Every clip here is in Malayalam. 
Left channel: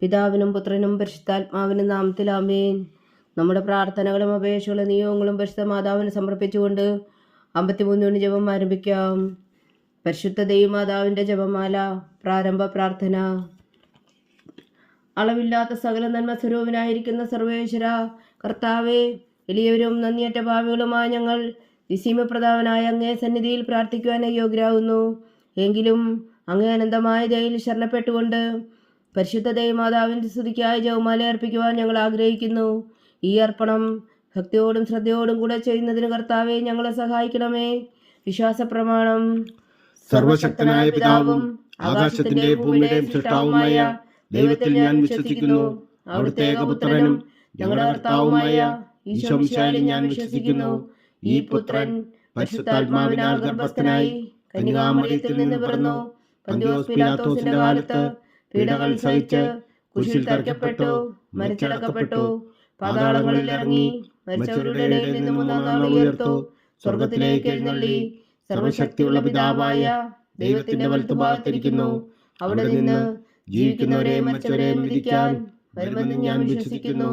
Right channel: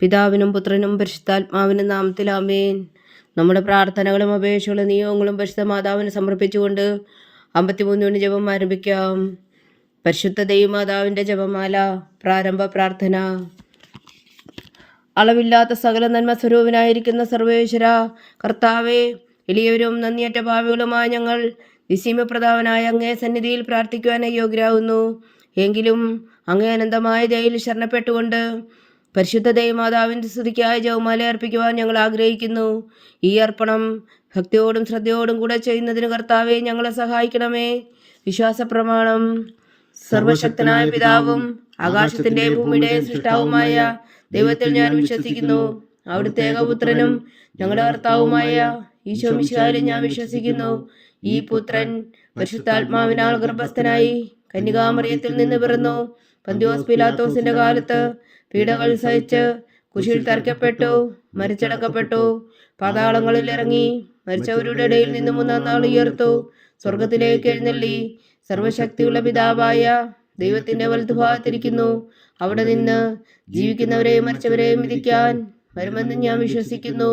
പിതാവിനും പുത്രനും പരിശുദ്ധാത്മാവിനും നാമത്തിൽ ആമേൻ. നമ്മുടെ പ്രാർത്ഥനകളും അപേക്ഷകളും നിയോഗങ്ങളും പരിശുദ്ധ മാതാവിന് സമർപ്പിച്ചുകൊണ്ട് 53 ജപം ആരംഭിക്കാം. പരിശുദ്ധ ദൈവമാതാവിൻ്റെ ജപമാല. പ്രാരംഭ പ്രാർത്ഥന. അളവില്ലാത്ത സകല നന്മ സ്വരൂപനായിരിക്കുന്ന സർവേശ്വര കർത്താവേ, എളിയവരും നന്ദിയറ്റ ഭാവികളുമായ ഞങ്ങൾ നിസ്സീമപ്രധാവനായ അങ്ങേ സന്നിധിയിൽ പ്രാർത്ഥിക്കുവാൻ യോഗ്യരാകുന്നു. എങ്കിലും അങ്ങേ അനന്തമായ ദയയിൽ ശരണപ്പെട്ടുകൊണ്ട് പരിശുദ്ധ ദൈവമാതാവിൻ്റെ സ്തുതിക്കായി ജപമാല അർപ്പിക്കുവാൻ ഞങ്ങൾ ആഗ്രഹിക്കുന്നു. ഈ അർപ്പണം ഭക്തിയോടും ശ്രദ്ധയോടും കൂടെ ചെയ്യുന്നതിന് കർത്താവെ ഞങ്ങളെ സഹായിക്കണമേ. വിശ്വാസ പ്രമാണം. സർവശക്തനായ പിതാവും ആകാശത്തിന്റെയും ഭൂമിയുടെയും സൃഷ്ടാവുമായ ദൈവത്തിൽ ഞാൻ വിശ്വസിക്കുന്നു. അവിടുത്തെ ഏകപുത്രനും ഞങ്ങളുടെ കർത്താവുമായ ഈശോ മിശിഹായിൽ ഞാൻ വിശ്വസിക്കുന്നു. ഈ പുത്രൻ പരിശുദ്ധാത്മാവിനാൽ ഗർഭസ്ഥനായി കന്യകാമറിയത്തിൽ നിന്ന് പിറന്നു. പന്തിയോസ് പിലാത്തോസിന്റെ കാലത്ത് പീഡകൾ സഹിച്ച് കുരിശിൽ തറയ്ക്കപ്പെട്ടു, മരിച്ചടക്കപ്പെട്ടു, പാതാളങ്ങളിൽ ഇറങ്ങി, മരിച്ചവരുടെ ഇടയിൽ നിന്ന് 3-ാം നാൾ ഉയർത്തു, സ്വർഗത്തിലേക്ക് എഴുന്നള്ളി, സർവശക്തിയുള്ള പിതാവായ ദൈവത്തിന്റെ വലത്തുഭാഗത്തിരിക്കുന്നു. അവിടെ നിന്ന് ജീവിക്കുന്നവരെയും മരിച്ചവരെയും വിധിക്കാൻ വരുമെന്ന് ഞാൻ വിശ്വസിക്കുന്നു.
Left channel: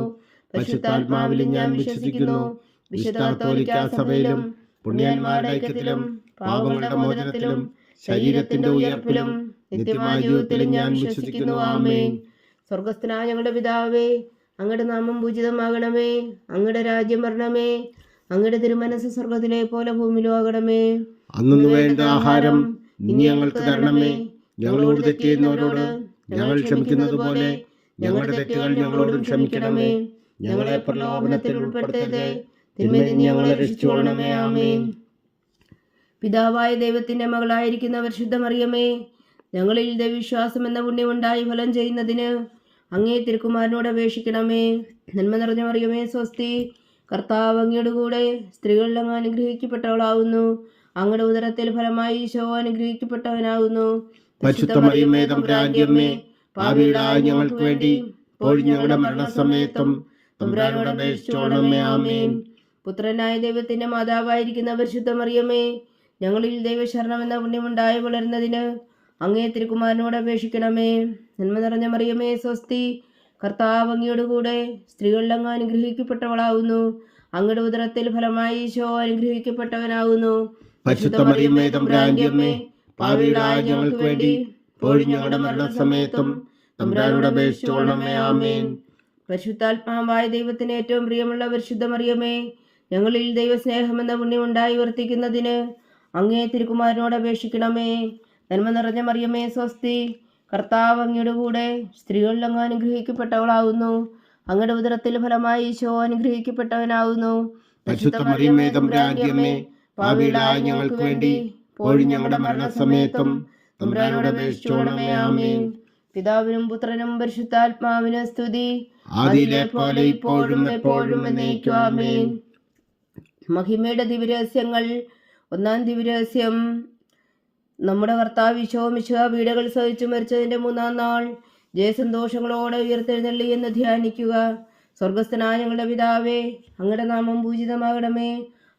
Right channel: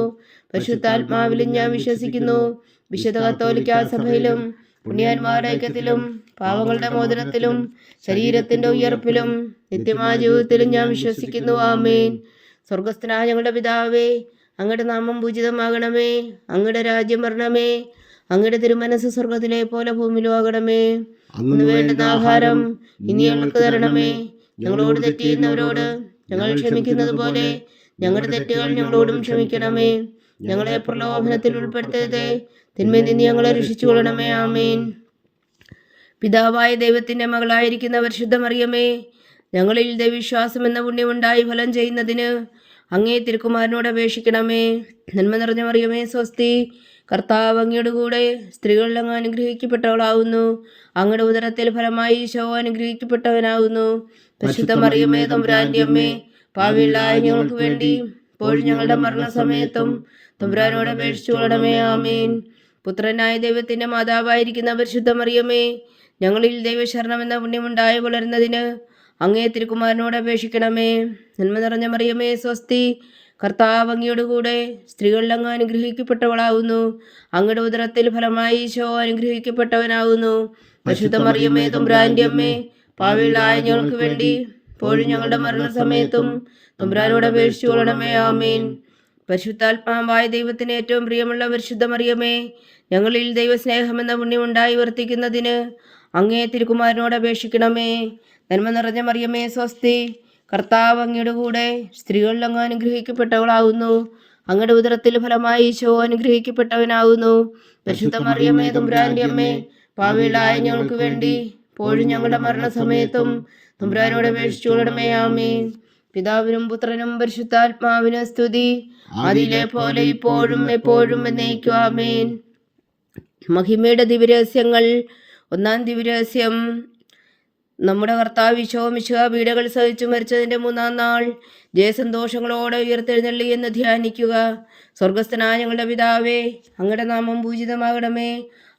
പരിശുദ്ധാത്മാവിലും ഞാൻ വിശ്വസിക്കുന്നു. വിശുദ്ധ കത്തോലിക്കാ സഭയിലും പുണ്യന്മാരുടെ ഐക്യത്തിലും പാപങ്ങളുടെ മോചനത്തിലും ശരീരത്തിന്റെ ഉയർപ്പിലും നിത്യമായ ജീവിതത്തിലും ഞാൻ വിശ്വസിക്കുന്നു. ആമേൻ. സ്വർഗസ്ഥനായ ഞങ്ങളുടെ പിതാവേ, അങ്ങയുടെ നാമം പൂജിതമാകണമേ. അങ്ങയുടെ രാജ്യം വരണമേ. അങ്ങയുടെ തിരുമനസ് സ്വർഗത്തിലെ പോലെ ഭൂമിയിലും ആകണമേ. അന്ന് വേണ്ടുന്ന ആഹാരം ഇനി ഞങ്ങൾക്ക് തരണമേ. ഞങ്ങളോട് തെറ്റ് ചെയ്യുന്നവരോട് ഞങ്ങൾ ക്ഷമിക്കുന്നത് പോലെ ഞങ്ങളുടെ തെറ്റുകൾ ഞങ്ങളോടും ക്ഷമിക്കണമേ. ഞങ്ങളെ പ്രലോഭനത്തിൽ ഉൾപ്പെടുത്തരുതേ, തിന്മയിൽ നിന്ന് ഞങ്ങളെ രക്ഷിച്ചുകൊള്ളണമേ. ആമേൻ. പിതാവായ ദൈവത്തിന്റെ മകളായിരിക്കുന്ന പരിശുദ്ധ മറിയമേ, ഞങ്ങളിൽ ദൈവവിശ്വാസം എന്ന പുണ്യമുണ്ടായി ഫലം ചെയ്യുന്നതിന് അങ്ങേ തിരുക്കുമാരനോട് അപേക്ഷിക്കണമേ. നന്മ നിറഞ്ഞ മറിയമേ സ്വസ്തി, കർത്താവ് അങ്ങയുടെ കൂടെ സ്ത്രീകളിൽ അങ്ങ് അനുഗ്രഹിക്കപ്പെട്ടവളാവുന്നു. അങ്ങയുടെ ഉദരത്തിൽ ഫലമായി ഈശോ അനുഗ്രഹിക്കപ്പെട്ടവനാകുന്നു. പരിശുദ്ധ മറിയമേ തമ്പുരാന്റെ അമ്മേ, പാപികളായ ഞങ്ങൾക്ക് വേണ്ടി ഇപ്പോഴും ഞങ്ങളുടെ മരണസമയത്തും തമ്പുരാനോട് അപേക്ഷിച്ചുകൊള്ളണമേ. ആമേൻ. പുത്രനായ ദൈവത്തിന്റെ മാതാവായിരിക്കുന്ന പരിശുദ്ധ മറിയമേ, ഞങ്ങളിൽ ദൈവശരണം എന്ന പുണ്യമുണ്ടായി വളരുന്നതിന് അങ്ങേ തിരുക്കുമാരനോട് അപേക്ഷിക്കണമേ. നന്മ നിറഞ്ഞ മറിയമേ സ്വസ്തി, കർത്താവ് അങ്ങയുടെ കൂടെ സ്ത്രീകളിൽ അങ്ങ് അനുഗ്രഹിക്കപ്പെട്ടവളാകുന്നു. അങ്ങയുടെ ഉദരത്തിൽ ഫലമായി ഈശോ അനുഗ്രഹിക്കപ്പെട്ടവനാകുന്നു. പരിശുദ്ധ മറിയമേ തമ്പുരാന്റെ അമ്മേ, പാപികളായ ഞങ്ങൾക്ക് വേണ്ടി ഇപ്പോഴും ഞങ്ങളുടെ മരണസമയത്തും തമ്പുരാനോട് അപേക്ഷിച്ചുകൊള്ളണമേ. ആമേൻ. പരിശുദ്ധാത്മാവായ ദൈവത്തിന് ഏറ്റവും പ്രിയമുള്ള പരിശുദ്ധ മറിയമേ, ഞങ്ങളിൽ ദൈവസ്നേഹം എന്ന പുണ്യമുണ്ടായി വർത്തിക്കുന്നതിന് അങ്ങേ തിരുക്കുമാരനോട് അപേക്ഷിക്കണമേ. നന്മ നിറഞ്ഞ മറിയമേ സ്വസ്തി, കർത്താവ് അങ്ങയുടെ കൂടെ സ്ത്രീകളിൽ അങ്ങ് അനുഗ്രഹിക്കപ്പെട്ടവളാകുന്നു. അങ്ങയുടെ ഉദരത്തിൽ ഫലമായി ഈശോ അനുഗ്രഹിക്കപ്പെട്ടവനാകുന്നു. പരിശുദ്ധ മറിയമേ തമ്പുരാന്റെ അമ്മേ, പാപികളായ ഞങ്ങൾക്ക് വേണ്ടി ഇപ്പോഴും ഞങ്ങളുടെ മരണസമയത്തും തമ്പുരാനോട് അപേക്ഷിച്ചുകൊള്ളണമേ. ആമേൻ. പിതാവിനും പുത്രനും പരിശുദ്ധാത്മാവിനും സ്തുതി, അതിലെ പോലെ ഇപ്പോഴും എപ്പോഴും എന്നേക്കും. ആമേൻ. മഹിമയുടെ ദിവ്യരഹസ്യങ്ങൾ. 1-ാം ദിവ്യരഹസ്യം. നമ്മുടെ കർത്താവ് ഈശോ മിശിഹാ പീഡകൾ സഹിച്ചു മരിച്ചതിന്റെ 3-ാം നാൾ ജയസന്തോഷങ്ങളോടെ ഉയർത്തെഴുന്നള്ളി എന്ന് ധ്യാനിക്കുക. സ്വർഗസ്ഥനായ ഞങ്ങളുടെ പിതാവേ, അങ്ങയുടെ നാമം പൂജിതമാകണമേ.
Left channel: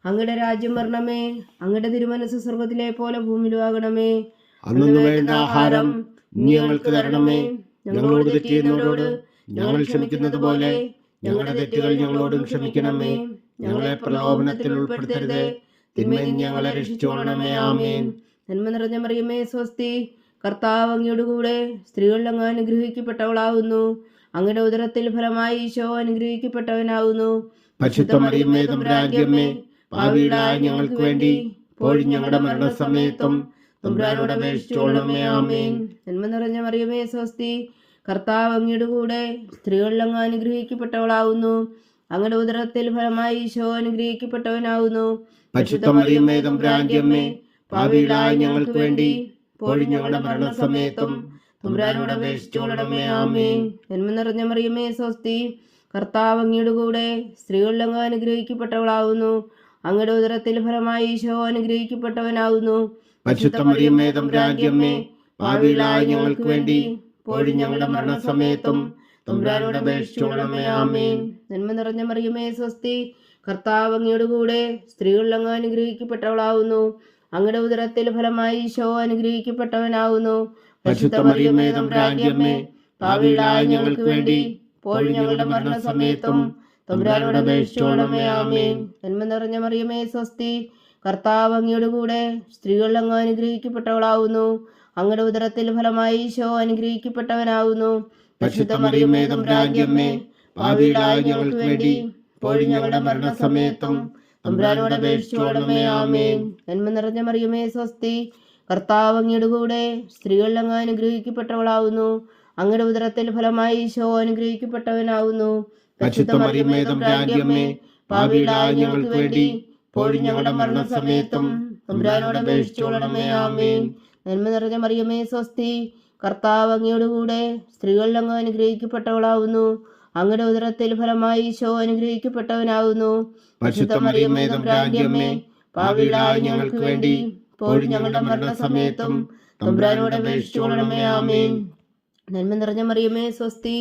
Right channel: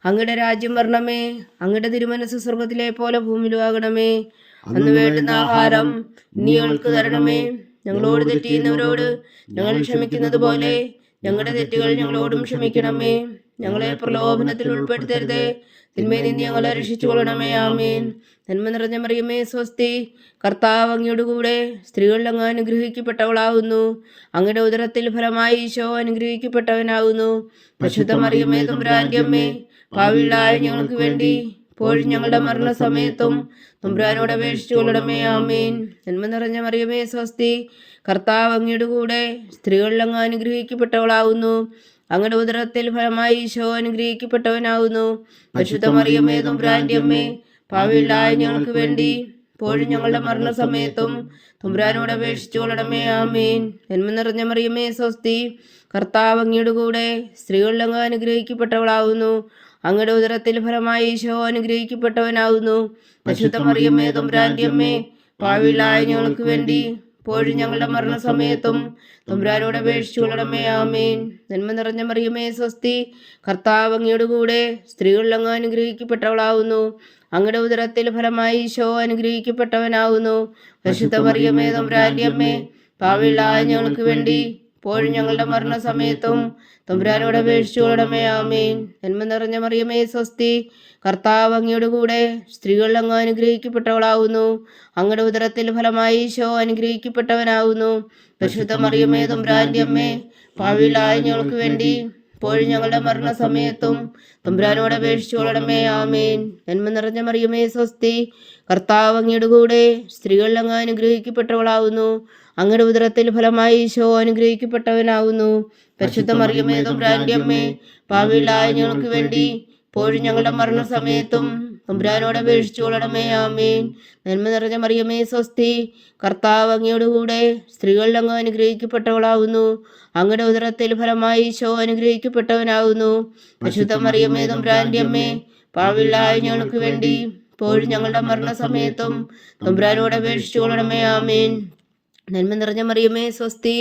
അങ്ങയുടെ രാജ്യം വരണമേ. അങ്ങയുടെ തിരുമനസ് സ്വർഗത്തിലെ പോലെ ഭൂമിയിലും ആകണമേ. അന്ന് വേണ്ടുന്ന ആഹാരം ഇനി ഞങ്ങൾക്ക് തരണമേ. ഞങ്ങളോട് തെറ്റ് ചെയ്യുന്നവരോട് ഞങ്ങൾ ക്ഷമിക്കുന്നത് പോലെ ഞങ്ങളുടെ തെറ്റുകൾ ഞങ്ങളോടും ക്ഷമിക്കണമേ. ഞങ്ങളെ പ്രലോഭനത്തിൽ ഉൾപ്പെടുത്തരുതേ, തിന്മയിൽ നിന്ന് ഞങ്ങളെ രക്ഷിച്ചുകൊള്ളണമേ. ആമേൻ. നന്മ നിറഞ്ഞ മറിയമേ സ്വസ്തി, കർത്താവ് അങ്ങയുടെ കൂടെ സ്ത്രീകളിൽ അങ്ങ് അനുഗ്രഹിക്കപ്പെട്ടവളാകുന്നു. അങ്ങയുടെ ഉദരത്തിൽ ഫലമായി ഈശോ അനുഗ്രഹിക്കപ്പെട്ടവനാകുന്നു. പരിശുദ്ധ മറിയമേ തമ്പുരാന്റെ അമ്മേ, പാപികളായ ഞങ്ങൾക്ക് വേണ്ടി ഇപ്പോഴും ഞങ്ങളുടെ മരണസമയത്തും തമ്പുരാനോട് അപേക്ഷിച്ചുകൊള്ളണമേ. ആമേൻ. നന്മ നിറഞ്ഞ മറിയമേ സ്വസ്തി, കർത്താവ് അങ്ങയുടെ കൂടെ സ്ത്രീകളിൽ അങ്ങ് അനുഗ്രഹിക്കപ്പെട്ടവളാകുന്നു. അങ്ങയുടെ ഉദരത്തിൽ ഫലമായി ഈശോ അനുഗ്രഹിക്കപ്പെട്ടവനാകുന്നു. പരിശുദ്ധ മറിയമേ തമ്പുരാന്റെ അമ്മേ, പാപികളായ ഞങ്ങൾക്ക് വേണ്ടി ഇപ്പോഴും ഞങ്ങളുടെ മരണസമയത്തും തമ്പുരാനോട് അപേക്ഷിച്ചുകൊള്ളണമേ. ആമേൻ. നന്മ നിറഞ്ഞ മറിയമേ സ്വസ്തി, കർത്താവ് അങ്ങയുടെ കൂടെ സ്ത്രീകളിൽ അങ്ങ് അനുഗ്രഹിക്കപ്പെട്ടവളാകുന്നു. അങ്ങയുടെ ഉദരത്തിൽ ഫലമായി ഈശോ അനുഗ്രഹിക്കപ്പെട്ടവനാകുന്നു. പരിശുദ്ധ മറിയമേ തമ്പുരാന്റെ അമ്മേ, പാപികളായ ഞങ്ങൾക്ക് വേണ്ടി ഇപ്പോഴും ഞങ്ങളുടെ മരണസമയത്തും തമ്പുരാനോട് അപേക്ഷിച്ചുകൊള്ളണമേ. ആമേൻ. നന്മ നിറഞ്ഞ മറിയമേ സ്വസ്തി, കർത്താവ് അങ്ങയുടെ കൂടെ സ്ത്രീകളിൽ അങ്ങ് അനുഗ്രഹിക്കപ്പെട്ടവളാകുന്നു. അങ്ങയുടെ ഉദരത്തിൽ ഫലമായി ഈശോ അനുഗ്രഹിക്കപ്പെട്ടവനാകുന്നു. പരിശുദ്ധ മറിയമേ തമ്പുരാന്റെ അമ്മേ, പാപികളായ ഞങ്ങൾക്ക് വേണ്ടി ഇപ്പോഴും ഞങ്ങളുടെ മരണസമയത്തും തമ്പുരാനോട് അപേക്ഷിച്ചുകൊള്ളണമേ. ആമേൻ. നന്മ നിറഞ്ഞ മറിയമേ സ്വസ്തി, കർത്താവ് അങ്ങയുടെ കൂടെ സ്ത്രീകളിൽ അങ്ങ് അനുഗ്രഹിക്കപ്പെട്ടവളാവുന്നു. അങ്ങയുടെ ഉദരത്തിൽ ഫലമായി ഈശോ അനുഗ്രഹിക്കപ്പെട്ടവനാവുന്നു. പരിശുദ്ധ മറിയമേ തമ്പുരാന്റെ അമ്മേ, പാപികളായ ഞങ്ങൾക്ക് വേണ്ടി ഇപ്പോഴും ഞങ്ങളുടെ മരണസമയത്തും തമ്പുരാനോട് അപേക്ഷിച്ചുകൊള്ളണമേ. ആമേൻ. നന്മ നിറഞ്ഞ മറിയമേ സ്വസ്തി, കർത്താവ് അങ്ങയുടെ കൂടെ സ്ത്രീകളിൽ അങ്ങ് അനുഗ്രഹിക്കപ്പെട്ടവളാവുന്നു. അങ്ങയുടെ ഉദരത്തിൽ ഫലമായി ഈശോ അനുഗ്രഹിക്കപ്പെട്ടവനാവുന്നു. പരിശുദ്ധ മറിയമേ തമ്പുരാന്റെ അമ്മേ, പാപികളായ ഞങ്ങൾക്ക് വേണ്ടി ഇപ്പോഴും ഞങ്ങളുടെ മരണസമയത്തും തമ്പുരാനോട് അപേക്ഷിച്ചുകൊള്ളണമേ. ആമേൻ. നന്മ നിറഞ്ഞ മറിയമേ സ്വസ്തി, കർത്താവ് അങ്ങയുടെ കൂടെ സ്ത്രീകളിൽ അങ്ങ് അനുഗ്രഹിക്കപ്പെട്ടവളാവുന്നു. അങ്ങയുടെ ഉദരത്തിൽ ഫലമായി ഈശോ അനുഗ്രഹിക്കപ്പെട്ടവനാവുന്നു. പരിശുദ്ധ മറിയമേ തമ്പുരാന്റെ അമ്മേ, പാപികളായ ഞങ്ങൾക്ക് വേണ്ടി ഇപ്പോഴും ഞങ്ങളുടെ മരണസമയത്തും തമ്പുരാനോട് അപേക്ഷിച്ചുകൊള്ളണമേ. ആമേൻ. നന്മ നിറഞ്ഞ മറിയമേ സ്വസ്തി,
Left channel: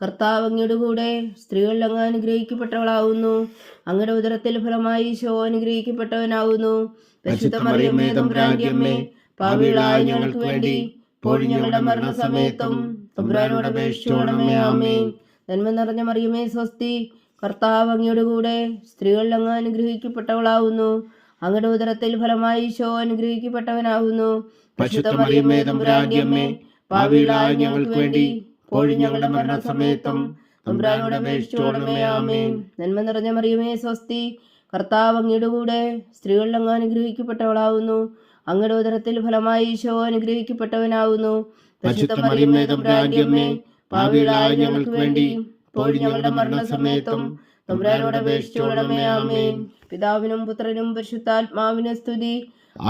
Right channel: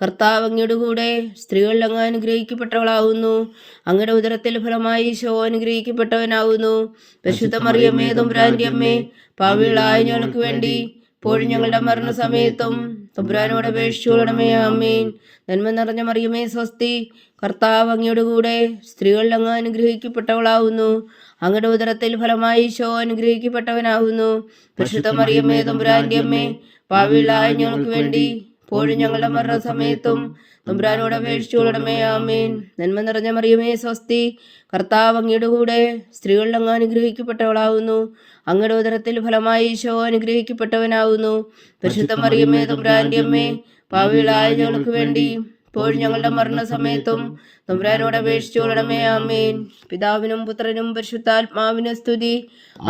കർത്താവ് അങ്ങയുടെ കൂടെ സ്ത്രീകളിൽ അങ്ങ് അനുഗ്രഹിക്കപ്പെട്ടവളാവുന്നു. അങ്ങയുടെ ഉദരത്തിൽ ഫലമായി ഈശോ അനുഗ്രഹിക്കപ്പെട്ടവനാവുന്നു. പരിശുദ്ധ മറിയമേ തമ്പുരാന്റെ അമ്മേ, പാപികളായ ഞങ്ങൾക്ക് വേണ്ടി ഇപ്പോഴും ഞങ്ങളുടെ മരണസമയത്തും തമ്പുരാനോട് അപേക്ഷിച്ചുകൊള്ളണമേ. ആമേൻ. നന്മ നിറഞ്ഞ മറിയമേ സ്വസ്തി, കർത്താവ് അങ്ങയുടെ കൂടെ സ്ത്രീകളിൽ അങ്ങ് അനുഗ്രഹിക്കപ്പെട്ടവളാവുന്നു. അങ്ങയുടെ ഉദരത്തിൽ ഫലമായി ഈശോ അനുഗ്രഹിക്കപ്പെട്ടവനാവുന്നു. പരിശുദ്ധ മറിയമേ തമ്പുരാന്റെ അമ്മേ, പാപികളായ ഞങ്ങൾക്ക് വേണ്ടി ഇപ്പോഴും ഞങ്ങളുടെ മരണസമയത്തും തമ്പുരാനോട് അപേക്ഷിച്ചുകൊള്ളണമേ. ആമേൻ. നന്മ നിറഞ്ഞ മറിയമേ സ്വസ്തി, കർത്താവ് അങ്ങയുടെ കൂടെ സ്ത്രീകളിൽ അങ്ങ് അനുഗ്രഹിക്കപ്പെട്ടവളാവുന്നു. അങ്ങയുടെ ഉദരത്തിൽ ഫലമായി ഈശോ അനുഗ്രഹിക്കപ്പെട്ടവനാവുന്നു. പരിശുദ്ധ മറിയമേ തമ്പുരാന്റെ അമ്മേ, പാപികളായ ഞങ്ങൾക്ക് വേണ്ടി ഇപ്പോഴും ഞങ്ങളുടെ മരണസമയത്തും തമ്പുരാനോട് അപേക്ഷിച്ചുകൊള്ളണമേ. ആമേൻ. പിതാവിനും പുത്രനും പരിശുദ്ധാത്മാവിനും സ്തുതി,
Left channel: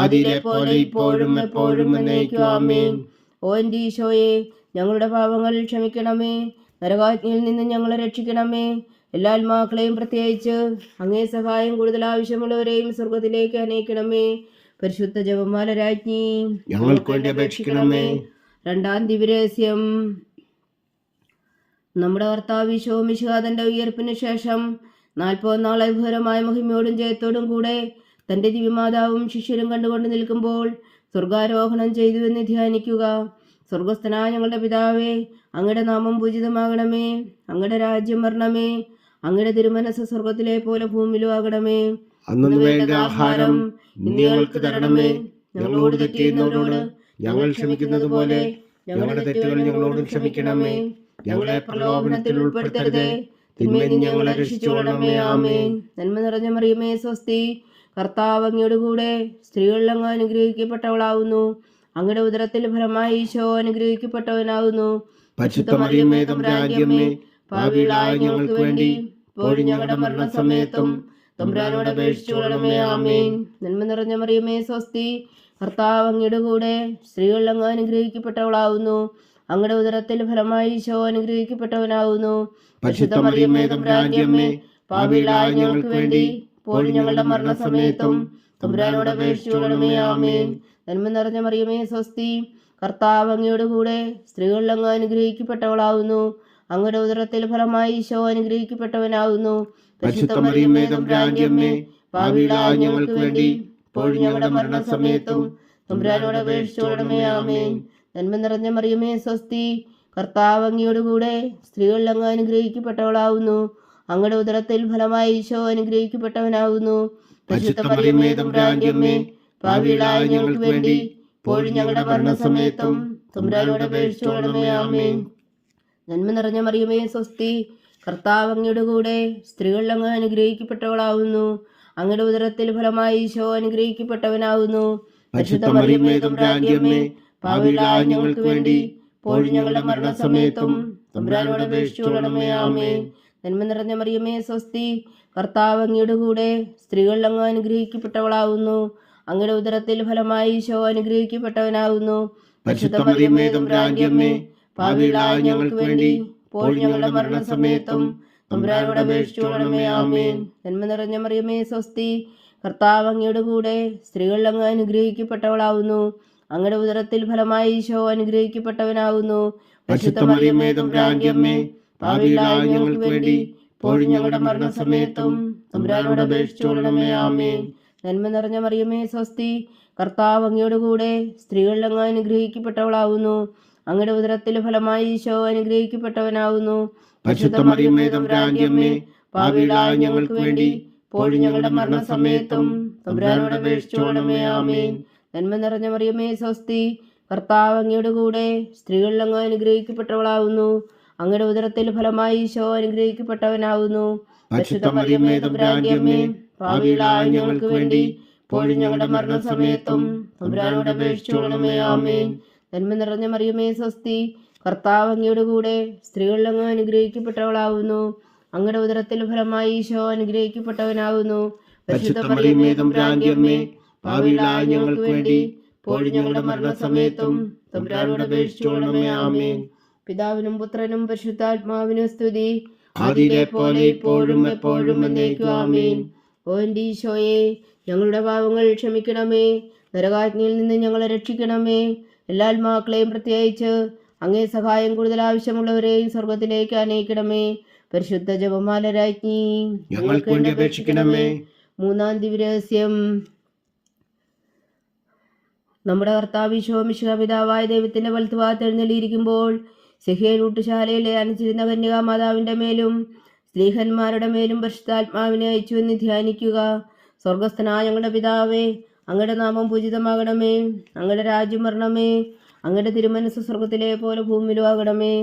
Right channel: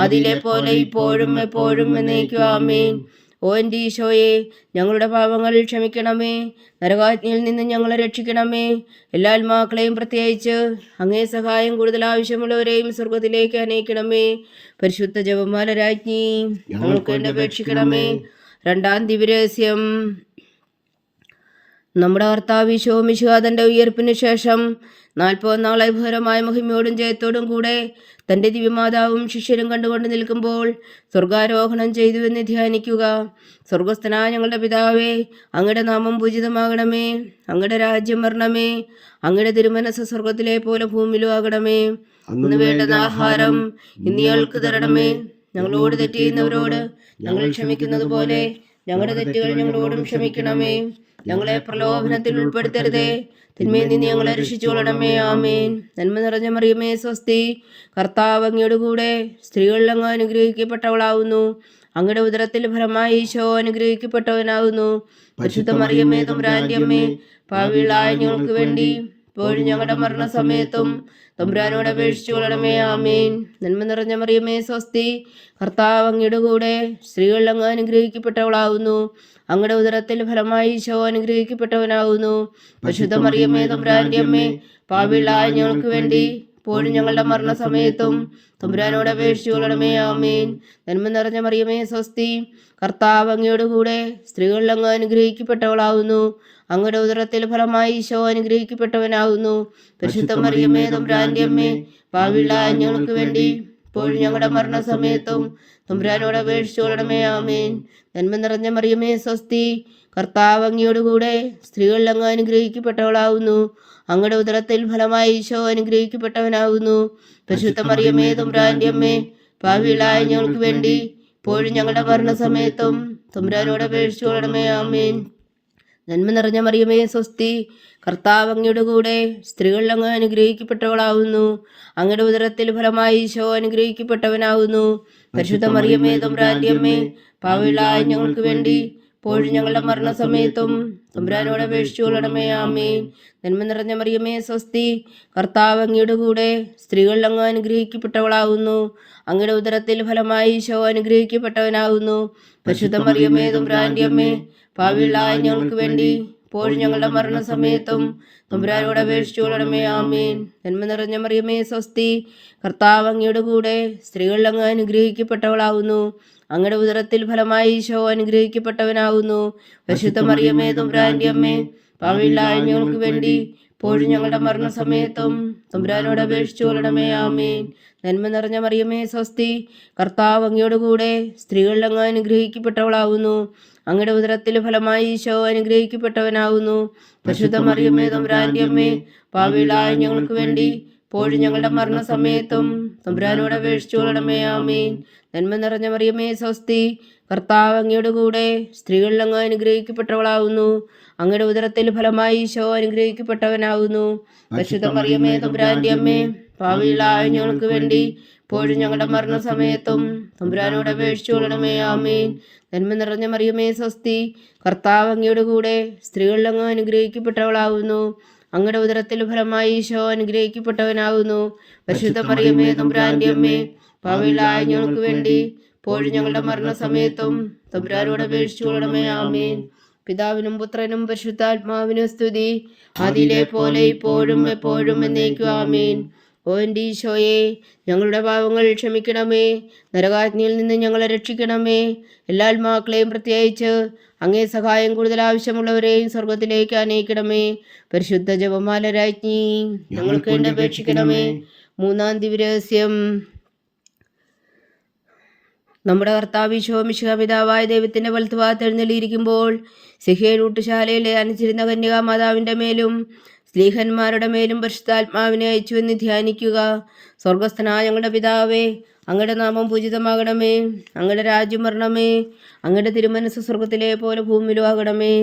അതിലെ പോലെ ഇപ്പോഴും എപ്പോഴും എന്നേക്കും. ആമേൻ. ഓ എൻ്റെ ഈശോയെ, ഞങ്ങളുടെ പാപങ്ങൾ ക്ഷമിക്കണമേ. നരകാജ്ഞയിൽ നിന്ന് ഞങ്ങളെ രക്ഷിക്കണമേ. എല്ലാ ആത്മാക്കളെയും പ്രത്യേകിച്ച് അങ്ങേ സഹായം കൂടുതൽ ആവശ്യമുള്ളവരെയും സ്വർഗത്തിലേക്ക് അനയിക്കണമേ. പരിശുദ്ധ ജപമാല രാജ്ഞി, ഞങ്ങൾക്ക് വേണ്ടി അപേക്ഷിക്കണമേ. രണ്ടാം ദിവ്യരഹസ്യം. നമ്മുടെ കർത്താവ് ഈശോ മിശിഹാ തൻ്റെ ഉയർപ്പിന് ശേഷം 40 നാൾ അത്ഭുതകരമായ മഹിമയോടും ജയത്തോടും കൂടെ തൻ്റെ ദിവ്യമാതാവും ശിഷ്യരും കണ്ടുകൊണ്ട് നിൽക്കുമ്പോൾ സ്വർഗാരോഹണം ചെയ്തു എന്ന് ധ്യാനിക്കുക. സ്വർഗസ്ഥനായ ഞങ്ങളുടെ പിതാവേ, അങ്ങയുടെ നാമം പൂജിതമാകണമേ. അങ്ങയുടെ രാജ്യം വരണമേ. അങ്ങയുടെ തിരുമനസ് സ്വർഗത്തിലെ പോലെ ഭൂമിയിലും ആകണമേ. അന്ന് വേണ്ടത് ആഹാരം ഇന്ന് ഞങ്ങൾക്ക് തരണമേ. ഞങ്ങളോട് തെറ്റ് ചെയ്യുന്നവരോട് ഞങ്ങൾ ക്ഷമിക്കുന്നത് പോലെ ഞങ്ങളുടെ തെറ്റുകൾ ഞങ്ങളോടും ക്ഷമിക്കണമേ. ഞങ്ങളെ പ്രലോഭനത്തിൽ ഉൾപ്പെടുത്തരുതേ, തിന്മയിൽ നിന്ന് ഞങ്ങളെ രക്ഷിച്ചുകൊള്ളണമേ. ആമേൻ. നന്മ നിറഞ്ഞ മറിയമേ സ്വസ്തി, കർത്താവ് അങ്ങയുടെ കൂടെ സ്ത്രീകളിൽ അങ്ങ് അനുഗ്രഹിക്കപ്പെട്ടവളാവുന്നു. അങ്ങയുടെ ഉദരത്തിൽ ഫലമായി ഈശോ അനുഗ്രഹിക്കപ്പെട്ടവനാവുന്നു. പരിശുദ്ധ മറിയമേ തമ്പുരാന്റെ അമ്മേ, പാപികളായ ഞങ്ങൾക്ക് വേണ്ടി ഇപ്പോഴും ഞങ്ങളുടെ മരണസമയത്തും തമ്പുരാനോട് അപേക്ഷിച്ചുകൊള്ളണമേ. ആമേൻ. നന്മ നിറഞ്ഞ മറിയമേ സ്വസ്തി, കർത്താവ് അങ്ങയുടെ കൂടെ സ്ത്രീകളിൽ അങ്ങ് അനുഗ്രഹിക്കപ്പെട്ടവളാവുന്നു. അങ്ങയുടെ ഉദരത്തിൽ ഫലമായി ഈശോ അനുഗ്രഹിക്കപ്പെട്ടവനാവുന്നു. പരിശുദ്ധ മറിയമേ തമ്പുരാന്റെ അമ്മേ, പാപികളായ ഞങ്ങൾക്ക് വേണ്ടി ഇപ്പോഴും ഞങ്ങളുടെ മരണസമയത്തും തമ്പുരാനോട് അപേക്ഷിച്ചുകൊള്ളണമേ. ആമേൻ. നന്മ നിറഞ്ഞ മറിയമേ സ്വസ്തി, കർത്താവ് അങ്ങയുടെ കൂടെ സ്ത്രീകളിൽ അങ്ങ് അനുഗ്രഹിക്കപ്പെട്ടവളാവുന്നു. അങ്ങയുടെ ഉദരത്തിൽ ഫലമായി ഈശോ അനുഗ്രഹിക്കപ്പെട്ടവനാവുന്നു. പരിശുദ്ധ മറിയമേ തമ്പുരാന്റെ അമ്മേ, പാപികളായ ഞങ്ങൾക്ക് വേണ്ടി ഇപ്പോഴും ഞങ്ങളുടെ മരണസമയത്തും തമ്പുരാനോട് അപേക്ഷിച്ചുകൊള്ളണമേ. ആമേൻ. നന്മ നിറഞ്ഞ മറിയമേ സ്വസ്തി, കർത്താവ് അങ്ങയുടെ കൂടെ സ്ത്രീകളിൽ അങ്ങ് അനുഗ്രഹിക്കപ്പെട്ടവളാവുന്നു. അങ്ങയുടെ ഉദരത്തിൽ ഫലമായി ഈശോ അനുഗ്രഹിക്കപ്പെട്ടവനാവുന്നു. പരിശുദ്ധ മറിയമേ തമ്പുരാന്റെ അമ്മേ, പാപികളായ ഞങ്ങൾക്ക് വേണ്ടി ഇപ്പോഴും ഞങ്ങളുടെ മരണസമയത്തും തമ്പുരാനോട് അപേക്ഷിച്ചുകൊള്ളണമേ. ആമേൻ. നന്മ നിറഞ്ഞ മറിയമേ സ്വസ്തി, കർത്താവ് അങ്ങയുടെ കൂടെ സ്ത്രീകളിൽ അങ്ങ് അനുഗ്രഹിക്കപ്പെട്ടവളാവുന്നു. അങ്ങയുടെ ഉദരത്തിൽ ഫലമായി ഈശോ അനുഗ്രഹിക്കപ്പെട്ടവനാവുന്നു. പരിശുദ്ധ മറിയമേ തമ്പുരാന്റെ അമ്മേ, പാപികളായ ഞങ്ങൾക്ക് വേണ്ടി ഇപ്പോഴും ഞങ്ങളുടെ മരണസമയത്തും തമ്പുരാനോട് അപേക്ഷിച്ചുകൊള്ളണമേ. ആമേൻ. നന്മ നിറഞ്ഞ മറിയമേ സ്വസ്തി, കർത്താവ് അങ്ങയുടെ കൂടെ സ്ത്രീകളിൽ അങ്ങ് അനുഗ്രഹിക്കപ്പെട്ടവളാവുന്നു. അങ്ങയുടെ ഉദരത്തിൽ ഫലമായി ഈശോ അനുഗ്രഹിക്കപ്പെട്ടവനാവുന്നു. പരിശുദ്ധ മറിയമേ തമ്പുരാന്റെ അമ്മേ, പാപികളായ ഞങ്ങൾക്ക് വേണ്ടി ഇപ്പോഴും ഞങ്ങളുടെ മരണസമയത്തും തമ്പുരാനോട് അപേക്ഷിച്ചുകൊള്ളണമേ. ആമേൻ. നന്മ നിറഞ്ഞ മറിയമേ സ്വസ്തി, കർത്താവ് അങ്ങയുടെ കൂടെ സ്ത്രീകളിൽ അങ്ങ് അനുഗ്രഹിക്കപ്പെട്ടവളാവുന്നു. അങ്ങയുടെ ഉദരത്തിൽ ഫലമായി ഈശോ അനുഗ്രഹിക്കപ്പെട്ടവനാവുന്നു. പരിശുദ്ധ മറിയമേ തമ്പുരാന്റെ അമ്മേ, പാപികളായ ഞങ്ങൾക്ക് വേണ്ടി ഇപ്പോഴും ഞങ്ങളുടെ മരണസമയത്തും തമ്പുരാനോട് അപേക്ഷിച്ചുകൊള്ളണമേ. ആമേൻ. നന്മ നിറഞ്ഞ മറിയമേ സ്വസ്തി, കർത്താവ് അങ്ങയുടെ കൂടെ സ്ത്രീകളിൽ അങ്ങ് അനുഗ്രഹിക്കപ്പെട്ടവളാവുന്നു. അങ്ങയുടെ ഉദരത്തിൽ ഫലമായി ഈശോ അനുഗ്രഹിക്കപ്പെട്ടവനാകുന്നു. പരിശുദ്ധ മറിയമേ തമ്പുരാന്റെ അമ്മേ, പാപികളായ ഞങ്ങൾക്ക് വേണ്ടി ഇപ്പോഴും ഞങ്ങളുടെ മരണസമയത്തും തമ്പുരാനോട് അപേക്ഷിച്ചുകൊള്ളണമേ. ആമേൻ. നന്മ നിറഞ്ഞ മറിയമേ സ്വസ്തി, കർത്താവ് അങ്ങയുടെ കൂടെ സ്ത്രീകളിൽ അങ്ങ് അനുഗ്രഹിക്കപ്പെട്ടവളാകുന്നു. അങ്ങയുടെ ഉദരത്തിൽ ഫലമായി ഈശോ അനുഗ്രഹിക്കപ്പെട്ടവനാകുന്നു. പരിശുദ്ധ മറിയമേ തമ്പുരാന്റെ അമ്മേ, പാപികളായ ഞങ്ങൾക്ക് വേണ്ടി ഇപ്പോഴും ഞങ്ങളുടെ മരണസമയത്തും തമ്പുരാനോട് അപേക്ഷിച്ചുകൊള്ളണമേ. ആമേൻ. നന്മ നിറഞ്ഞ മറിയമേ സ്വസ്തി, കർത്താവ് അങ്ങയുടെ കൂടെ സ്ത്രീകളിൽ അങ്ങ് അനുഗ്രഹിക്കപ്പെട്ടവളാകുന്നു. അങ്ങയുടെ ഉദരത്തിൽ ഫലമായി ഈശോ അനുഗ്രഹിക്കപ്പെട്ടവനാകുന്നു. പരിശുദ്ധ മറിയമേ തമ്പുരാന്റെ അമ്മേ, പാപികളായ ഞങ്ങൾക്ക് വേണ്ടി ഇപ്പോഴും ഞങ്ങളുടെ മരണസമയത്തും തമ്പുരാനോട് അപേക്ഷിച്ചുകൊള്ളണമേ. ആമേൻ. പിതാവിനും പുത്രനും പരിശുദ്ധാത്മാവിനും സ്തുതി, ആദിയിലെ പോലെ ഇപ്പോഴും എപ്പോഴും എന്നേക്കും. ആമേൻ. ഓ എൻ്റെ ഈശോയെ, ഞങ്ങളുടെ പാവങ്ങൾ ക്ഷമിക്കണമേ, നരകാഗ്നിയിൽ നിന്ന് ഞങ്ങളെ രക്ഷിക്കണമേ. എല്ലാ ആത്മാക്കളെയും പ്രത്യേകിച്ച് അങ്ങേ സഹായം കൂടുതൽ ആവശ്യമുള്ളവരെയും സ്വർഗത്തിലേക്ക് അനയിക്കണമേ. പരിശുദ്ധ ജപമാല രാജ്ഞി, ഞങ്ങൾക്ക് വേണ്ടി അപേക്ഷിക്കണമേ. മൂന്നാം ദിവ്യരഹസ്യം. നമ്മുടെ കർത്താവ് ഈശോ മിശിഹാ പിതാവായ ദൈവത്തിന്റെ വലത്തുഭാഗത്ത് എഴുന്നള്ളിയിരിക്കുമ്പോൾ സിഹേൽ ഊട്ടുശാലയിലെ അനച്ചിരുന്ന കന്യകാമാതാവിന്റെ മേലും സ്ലീഹന്മാരുടെ മേലും പരിശുദ്ധാത്മാവിനെ അയച്ചുവെന്ന് ധ്യാനിക്കുക. സ്വർഗസ്ഥനായ ഞങ്ങളുടെ പിതാവേ, അങ്ങയുടെ നാമം പൂജിതമാകണമേ. അങ്ങയുടെ രാജ്യം വരണമേ. അങ്ങയുടെ തിരുമനസ് സ്വർഗത്തിലെ പോലെ ഭൂമിയിലും ആകണമേ.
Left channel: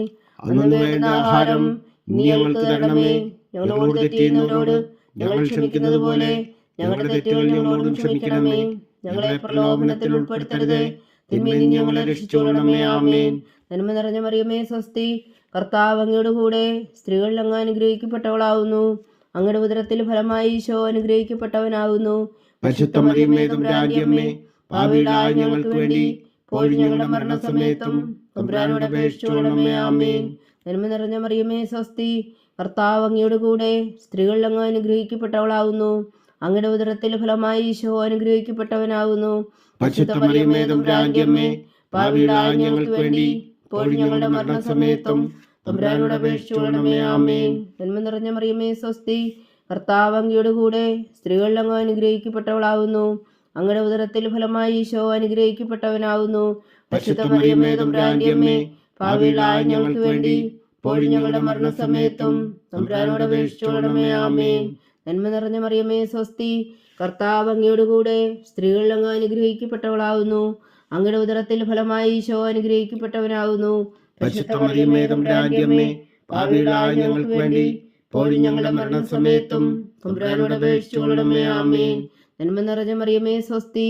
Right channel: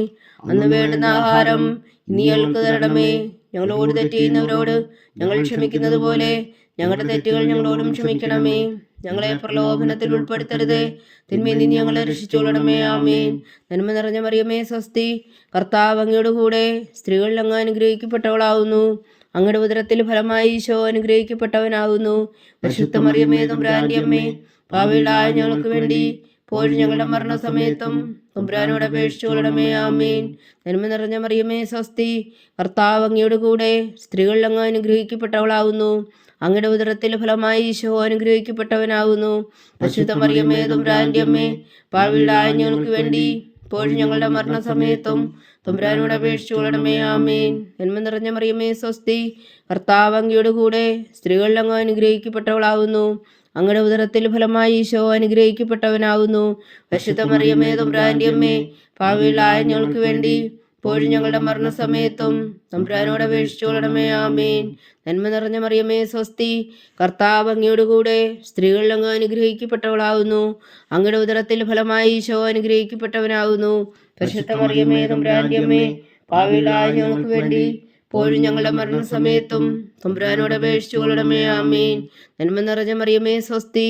അന്ന് വേണ്ടുന്ന ആഹാരം ഇനി ഞങ്ങൾക്ക് തരണമേ. ഞങ്ങളോട് തെറ്റ് ചെയ്യുന്നവരോട് ഞങ്ങൾ ക്ഷമിക്കുന്നത് പോലെ ഞങ്ങളുടെ തെറ്റുകൾ ഞങ്ങളോടും ക്ഷമിക്കണമേ. ഞങ്ങളെ പ്രലോഭനത്തിൽ ഉൾപ്പെടുത്തരുത്, തിന്മയിൽ നിന്ന് ഞങ്ങളെ രക്ഷിച്ചുകൊള്ളണമേ. ആമേൻ. നന്മ നിറഞ്ഞ മറിയമേ സ്വസ്തി, കർത്താവ് അങ്ങയുടെ കൂടെ സ്ത്രീകളിൽ അങ്ങ് അനുഗ്രഹിക്കപ്പെട്ടവളാകുന്നു. അങ്ങയുടെ ഉദരത്തിൽ ഫലമായി ഈശോ അനുഗ്രഹിക്കപ്പെട്ടവനാകുന്നു. പരിശുദ്ധ മറിയമേ തമ്പുരാന്റെ അമ്മേ, പാപികളായ ഞങ്ങൾക്ക് വേണ്ടി ഇപ്പോഴും ഞങ്ങളുടെ മരണസമയത്തും തമ്പുരാനോട് അപേക്ഷിച്ചുകൊള്ളണമേ. ആമേൻ. നന്മ നിറഞ്ഞ മറിയമേ സ്വസ്തി, കർത്താവ് അങ്ങയുടെ കൂടെ സ്ത്രീകളിൽ അങ്ങ് അനുഗ്രഹിക്കപ്പെട്ടവളാകുന്നു. അങ്ങയുടെ ഉദരത്തിൽ ഫലമായി ഈശോ അനുഗ്രഹിക്കപ്പെട്ടവനാകുന്നു. പരിശുദ്ധ മറിയമേ തമ്പുരാന്റെ അമ്മേ, പാപികളായ ഞങ്ങൾക്ക് വേണ്ടി ഇപ്പോഴും ഞങ്ങളുടെ മരണസമയത്തും തമ്പുരാനോട് അപേക്ഷിച്ചുകൊള്ളണമേ. ആമേൻ. നന്മ നിറഞ്ഞ മറിയമേ സ്വസ്തി, കർത്താവ് അങ്ങയുടെ കൂടെ സ്ത്രീകളിൽ അങ്ങ് അനുഗ്രഹിക്കപ്പെട്ടവളാകുന്നു. അങ്ങയുടെ ഉദരത്തിൽ ഫലമായി ഈശോ അനുഗ്രഹിക്കപ്പെട്ടവനാകുന്നു. പരിശുദ്ധ മറിയമേ തമ്പുരാന്റെ അമ്മേ, പാപികളായ ഞങ്ങൾക്ക് വേണ്ടി ഇപ്പോഴും ഞങ്ങളുടെ മരണസമയത്തും തമ്പുരാനോട് അപേക്ഷിച്ചുകൊള്ളണമേ. ആമേൻ. നന്മ നിറഞ്ഞ മറിയമേ സ്വസ്തി, കർത്താവ് അങ്ങയുടെ കൂടെ സ്ത്രീകളിൽ അങ്ങ് അനുഗ്രഹിക്കപ്പെട്ടവളാകുന്നു. അങ്ങയുടെ ഉദരത്തിൽ ഫലമായി ഈശോ അനുഗ്രഹിക്കപ്പെട്ടവനാകുന്നു. പരിശുദ്ധ മറിയമേ തമ്പുരാന്റെ അമ്മേ, പാപികളായ ഞങ്ങൾക്ക് വേണ്ടി ഇപ്പോഴും ഞങ്ങളുടെ മരണസമയത്തും തമ്പുരാനോട് അപേക്ഷിച്ചുകൊള്ളണമേ. ആമേൻ. നന്മ നിറഞ്ഞ മറിയമേ സ്വസ്തി,